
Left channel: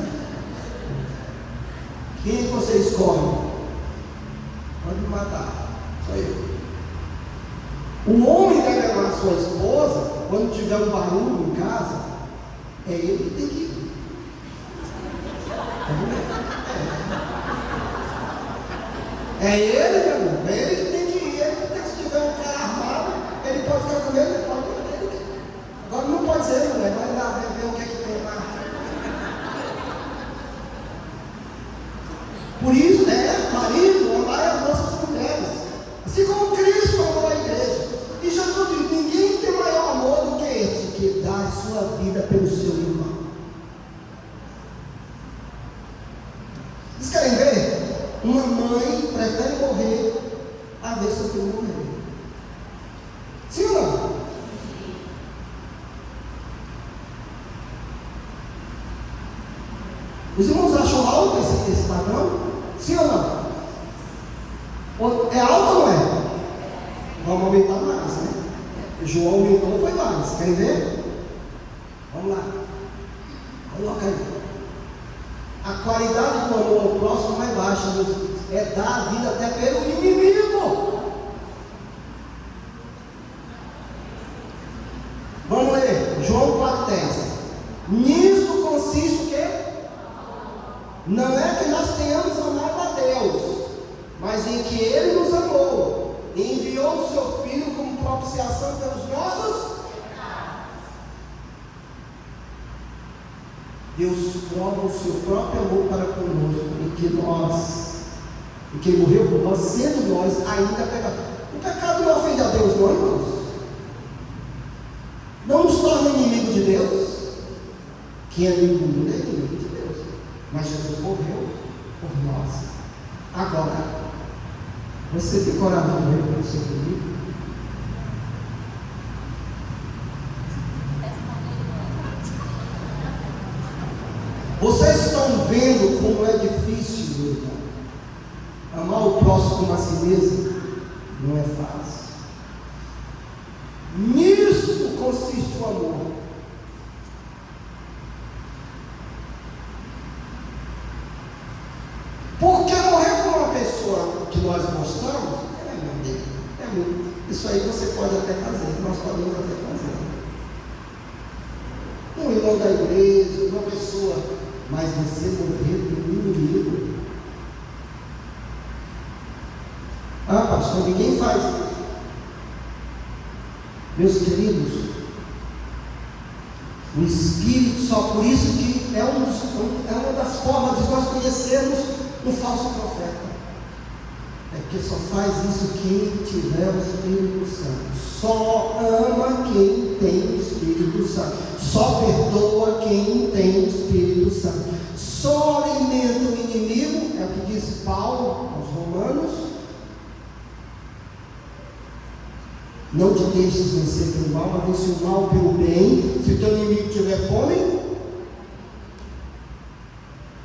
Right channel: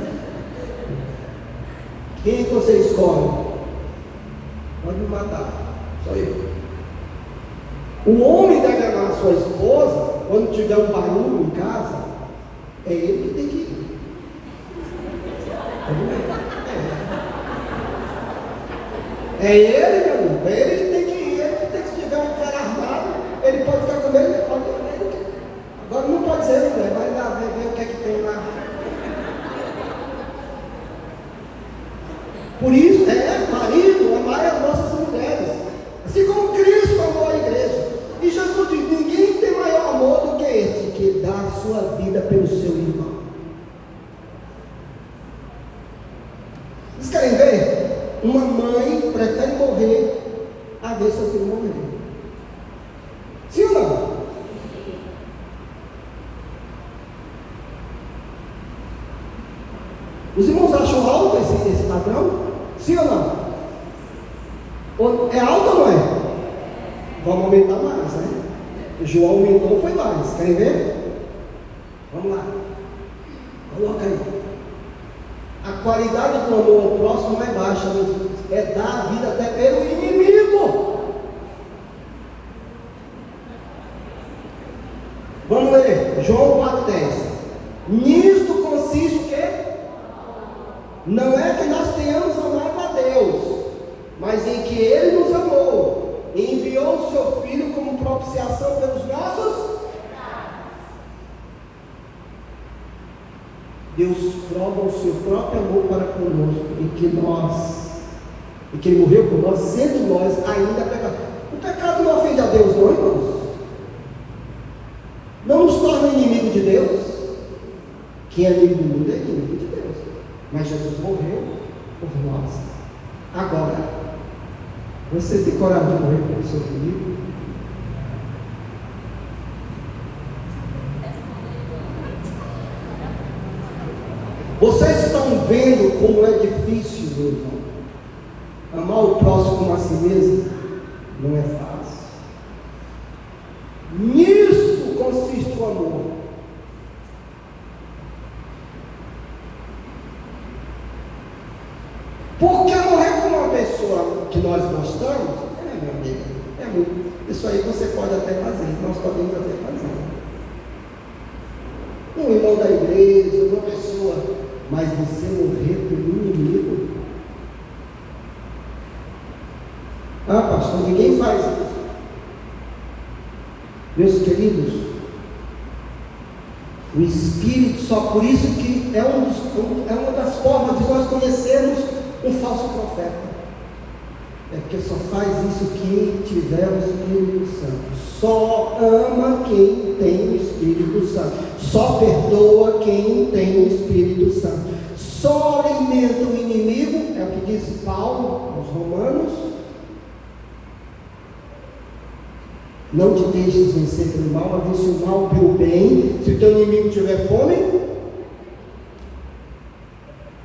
Quem você escolhe? Pode me matar, só eu. O homem deve amar a sua esposa, quando tiver um barulho em casa, é ele que tem que ir. É ele, meu irmão, é ele que tem que ir, ele que tem que, se tiver um cara armado, ele pode ficar com ele, agora não pode ser, mulher, vai lá, vai ver o que é que tem lá. Por isso, marido, amai as nossas mulheres, assim como Cristo amou a igreja. E Jesus diz, ninguém tem maior amor do que este, que dá a sua vida pelo seu irmão. Vocês querem ver? Uma mãe prefere morrer a ver seu filho morrer. Sim ou não? Os irmãos acham alto esse padrão? Sim ou não? É alto ou não é? Vamos aumentar mais, né? O João aumentou, foi mais. Querem ver? Vamos lá. Coloca aí. A qualidade do amor ao próximo não é baixa, Jesus. É dar a vida até pelo inimigo. Vamos ler, João 4,10. Nisto consiste o quê? Não é que nós tenhamos amado a Deus, mas em que Ele nos amou e enviou o seu Filho como propiciação pelos nossos. Deus prova o seu próprio amor para conosco, em que Ele morreu por nós, sendo nós ainda pecadores. O pecado não ofende a Deus, não, irmãos? Não nos torna inimigo de Deus. Quem é inimigo do mundo é inimigo de Deus. Mas Jesus morreu por nós. Agora, você tem coragem de morrer pelo seu inimigo? Vocês estão vendo como é difícil, meu irmão? Amar o próximo como a si mesmo não é fácil. Nisso consiste o amor. Porque morrer com uma pessoa que nós gostamos, meu amigo, é muito. Isso aí você pode até fazer, nós podemos até fazer. Um irmão da igreja, uma pessoa, mas você morrer pelo inimigo. Ah, pastor, ninguém faz isso. Meus queridos, o Espírito, só por isso que é uma das formas de nós conhecermos um falso profeta. É porque só faz isso quem tiver o Espírito Santo. Só ama quem tem o Espírito Santo. Só perdoa quem tem o Espírito Santo. Só alimenta o inimigo, é o que disse Paulo aos Romanos. Não te deixes vencer pelo mal, mas vence o mal pelo bem. Se o teu inimigo tiver fome,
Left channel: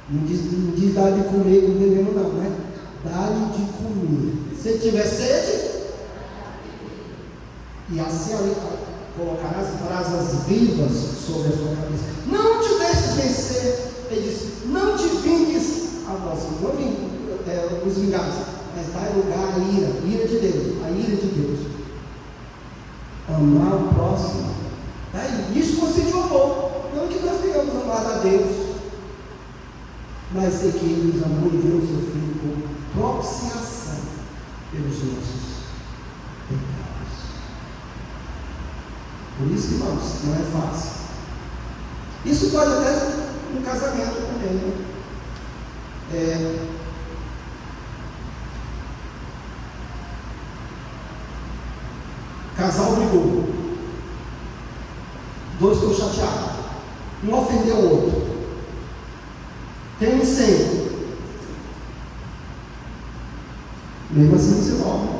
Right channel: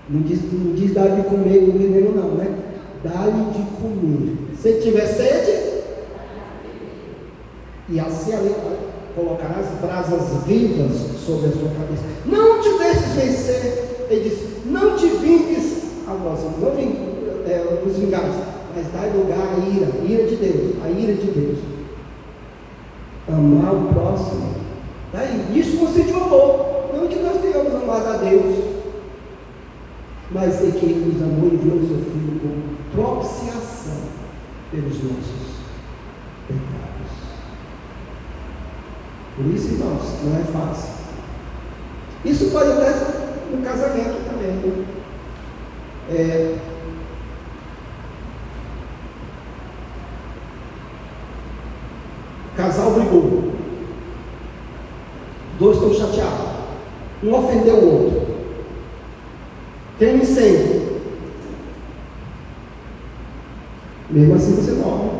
Não diz dar de comer com veneno não, né? Dá-lhe de comer. Se tiver sede, e assim colocarás brasas vivas sobre a sua cabeça. Não te deixes vencer. Ele disse, não te vingues a nós. Não os vingares, mas dá lugar à ira de Deus, a ira de Deus. Amar o próximo. Isso consiste o amor. Não que nós tenhamos amado a Deus, mas é que Ele nos amou e enviou o seu Filho como propiciação pelos nossos pecados. Por isso, irmãos, não é fácil. Isso pode até no casamento também. Casal brigou. Dois estão chateados. Um ofendeu o outro. Tem um incêndio. Mesmo assim você morre.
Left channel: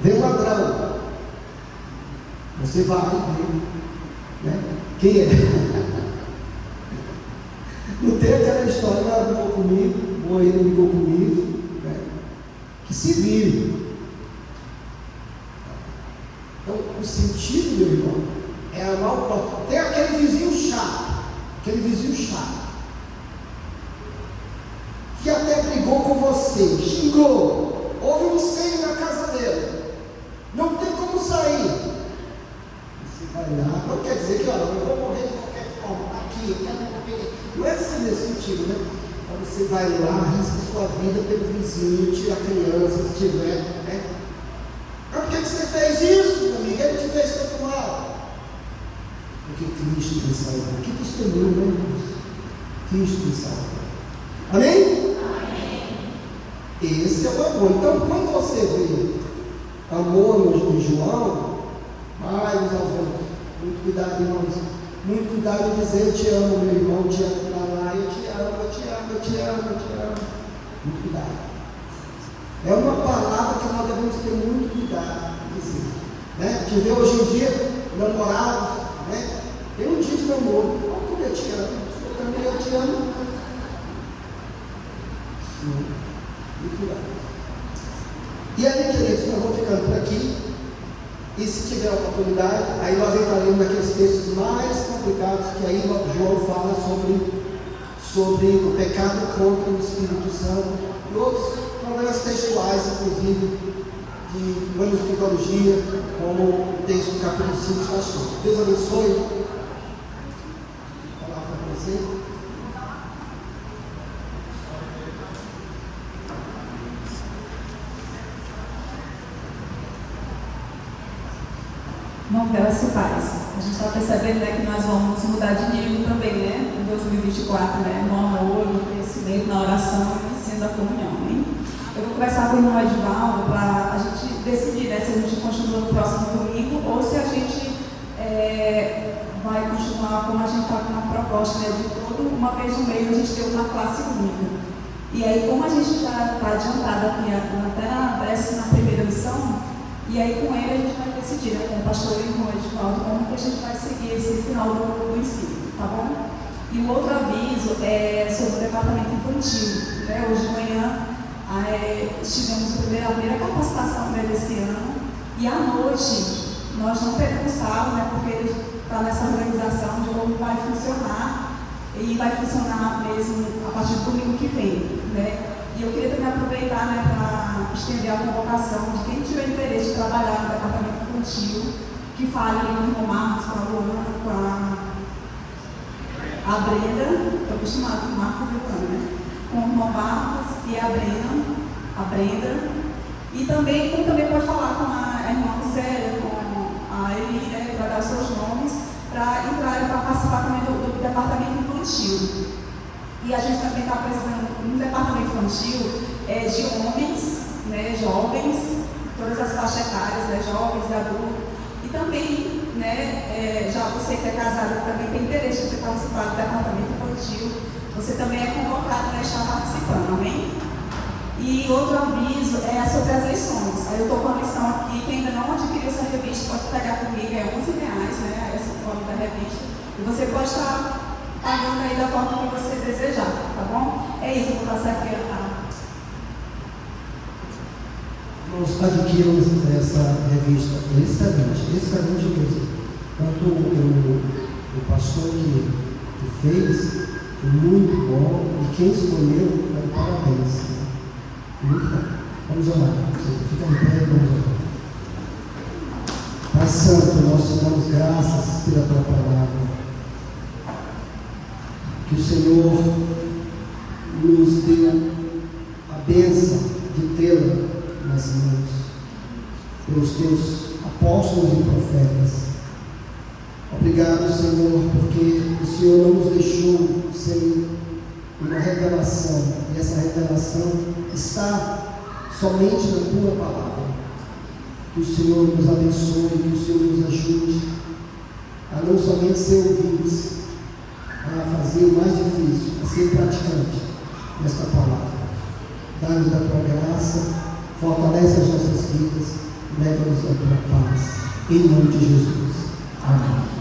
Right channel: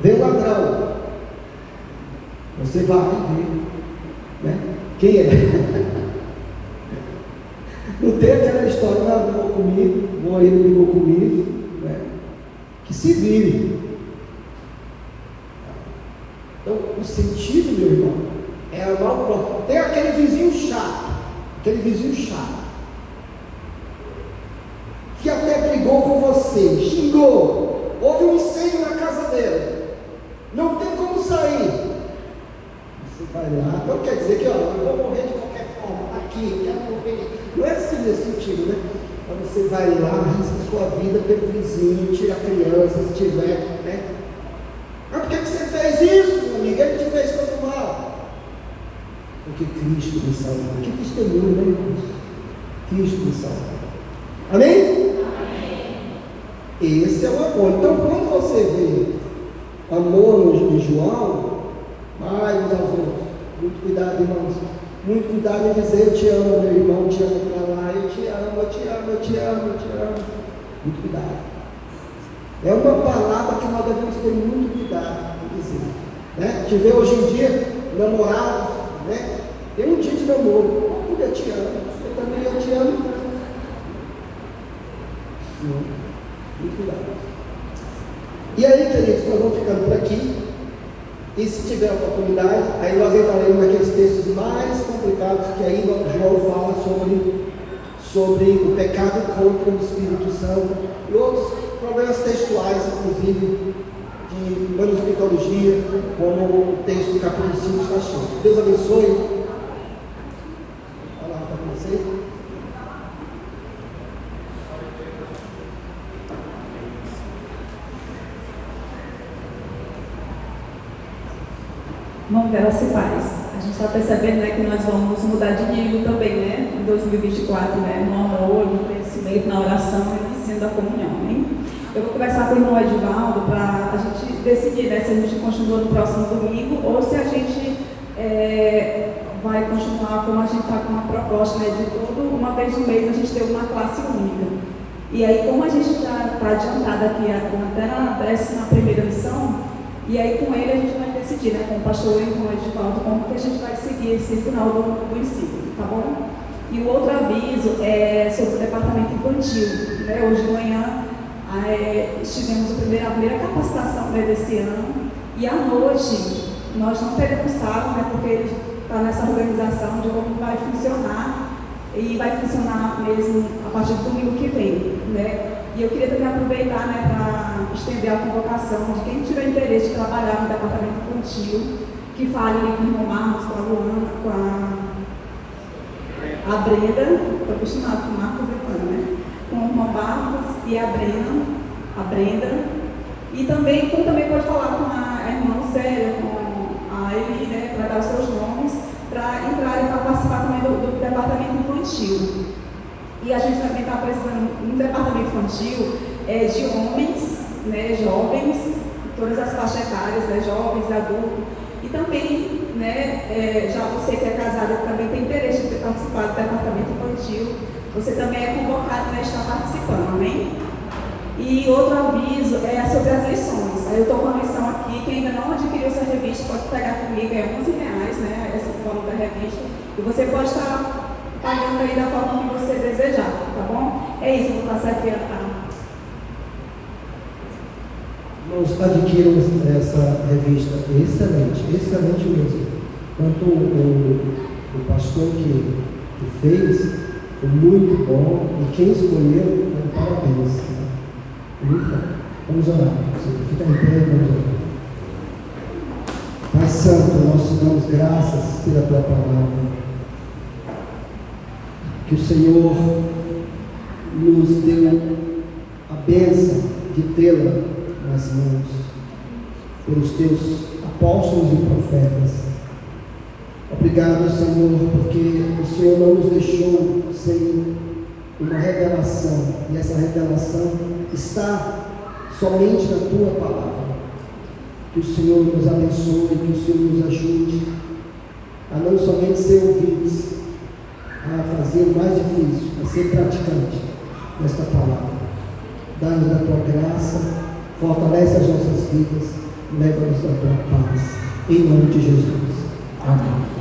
Vem o ladrão. Você vai ver, né? Quem é? Não tem aquela história, brigou comigo, o marido brigou comigo, né? Que se vire. Então, o sentido, meu irmão, é amar o próximo. Tem aquele vizinho chato, que até brigou com você, xingou, houve um incêndio na casa dele, não tem como sair. Você vai lá, não quer dizer que eu vou morrer de qualquer forma, aqui, quero morrer. Não é assim nesse sentido, né? Então você vai lá, arrisca sua vida pelo vizinho, tira a criança, se tiver, né? Mas por que você fez isso, meu amigo? Ele te fez tanto mal. Porque Cristo me salvou. Que testemunho, né, irmãos? Cristo me salvou. Amém? Amém? Esse é o amor. Então, quando você vê amor em João, vai uns aos outros. Muito cuidado, irmãos. Muito cuidado em dizer eu te amo, meu irmão, te amo para lá, eu te amo, eu te amo, eu te amo, eu te amo. Muito cuidado. É uma palavra que nós devemos ter muito cuidado em dizer. Né? Te vê hoje em dia, namorados, né? Tem um dia de namoro, como eu te amo, você também eu te amo. Sim, muito cuidado. E aí, queridos, nós vamos ficando por aqui. E se tiver oportunidade, aí nós entraremos naqueles textos mais complicados que aí João fala sobre o pecado contra o Espírito Santo e outros problemas textuais, inclusive de manuscritologia, como o texto do capítulo 5 está cheio. Deus abençoe. Olá para você. Bom, graça e paz. A gente está percebendo, né, que nós vamos mudar de nível também, né, em 2024, né, no amor, no conhecimento, na oração e no ensino da comunhão, hein? Eu vou conversar com o irmão Edivaldo para a gente decidir, né, se a gente continua no próximo domingo ou se a gente vai continuar como a gente está com uma proposta, né, de uma vez no mês a gente ter uma classe única. E aí, como a gente já está adiantado aqui até na 11ª lição, e aí com ele a gente vai decidir, né, com o pastor e com o Edivaldo, como que a gente vai seguir esse final do ensino, tá bom? E o outro aviso é sobre o departamento infantil, né? Hoje de manhã tivemos a primeira capacitação desse ano, e à noite nós não teremos sala, né, porque ele está nessa organização de como vai funcionar, e vai funcionar mesmo a partir do domingo que vem, né? E eu queria também aproveitar, né, para estender a convocação de quem tiver interesse de trabalhar no departamento infantil, que fale com o irmão Marcos, com a Luana, com a Brenda, estou acostumada com o Marcos e né? Com o irmão Marcos e a Brenda, e também pode falar com a irmã Célia, com a Eli, né, para dar seus nomes, para entrarem para participar também do departamento infantil. E a gente também está precisando, no departamento infantil, de homens, né, jovens, todas as faixas etárias, né, jovens, adultos, e também, né, já você que é casada também tem interesse de participar do departamento infantil, você também é convocado, né, estar participando, amém? E outro aviso é sobre as lições. Eu estou com uma lição aqui, quem ainda não adquiriu essa revista pode pegar comigo, é R$11, né, esse valor da revista, e você pode estar pagando aí da forma que você desejar, tá bom? É isso, vou passar aqui a... Nós adquirimos essa revista excelente mesmo. Tanto o pastor que fez, foi muito bom, e quem escolheu, parabéns. Muito bom. Vamos orar. Fica em pé e vamos orar. Pai Santo, nós te damos graças pela tua palavra. Que o Senhor nos deu a bênção de tê-la nas mãos pelos teus apóstolos e profetas. Obrigado, Senhor, porque o Senhor não nos deixou sem uma revelação, e essa revelação está somente na tua palavra. Que o Senhor nos abençoe, que o Senhor nos ajude a não somente ser ouvintes, a fazer o mais difícil, a ser praticante desta palavra. Dá-nos a tua graça, fortalece as nossas vidas, leva-nos a tua paz. Em nome de Jesus. Amém.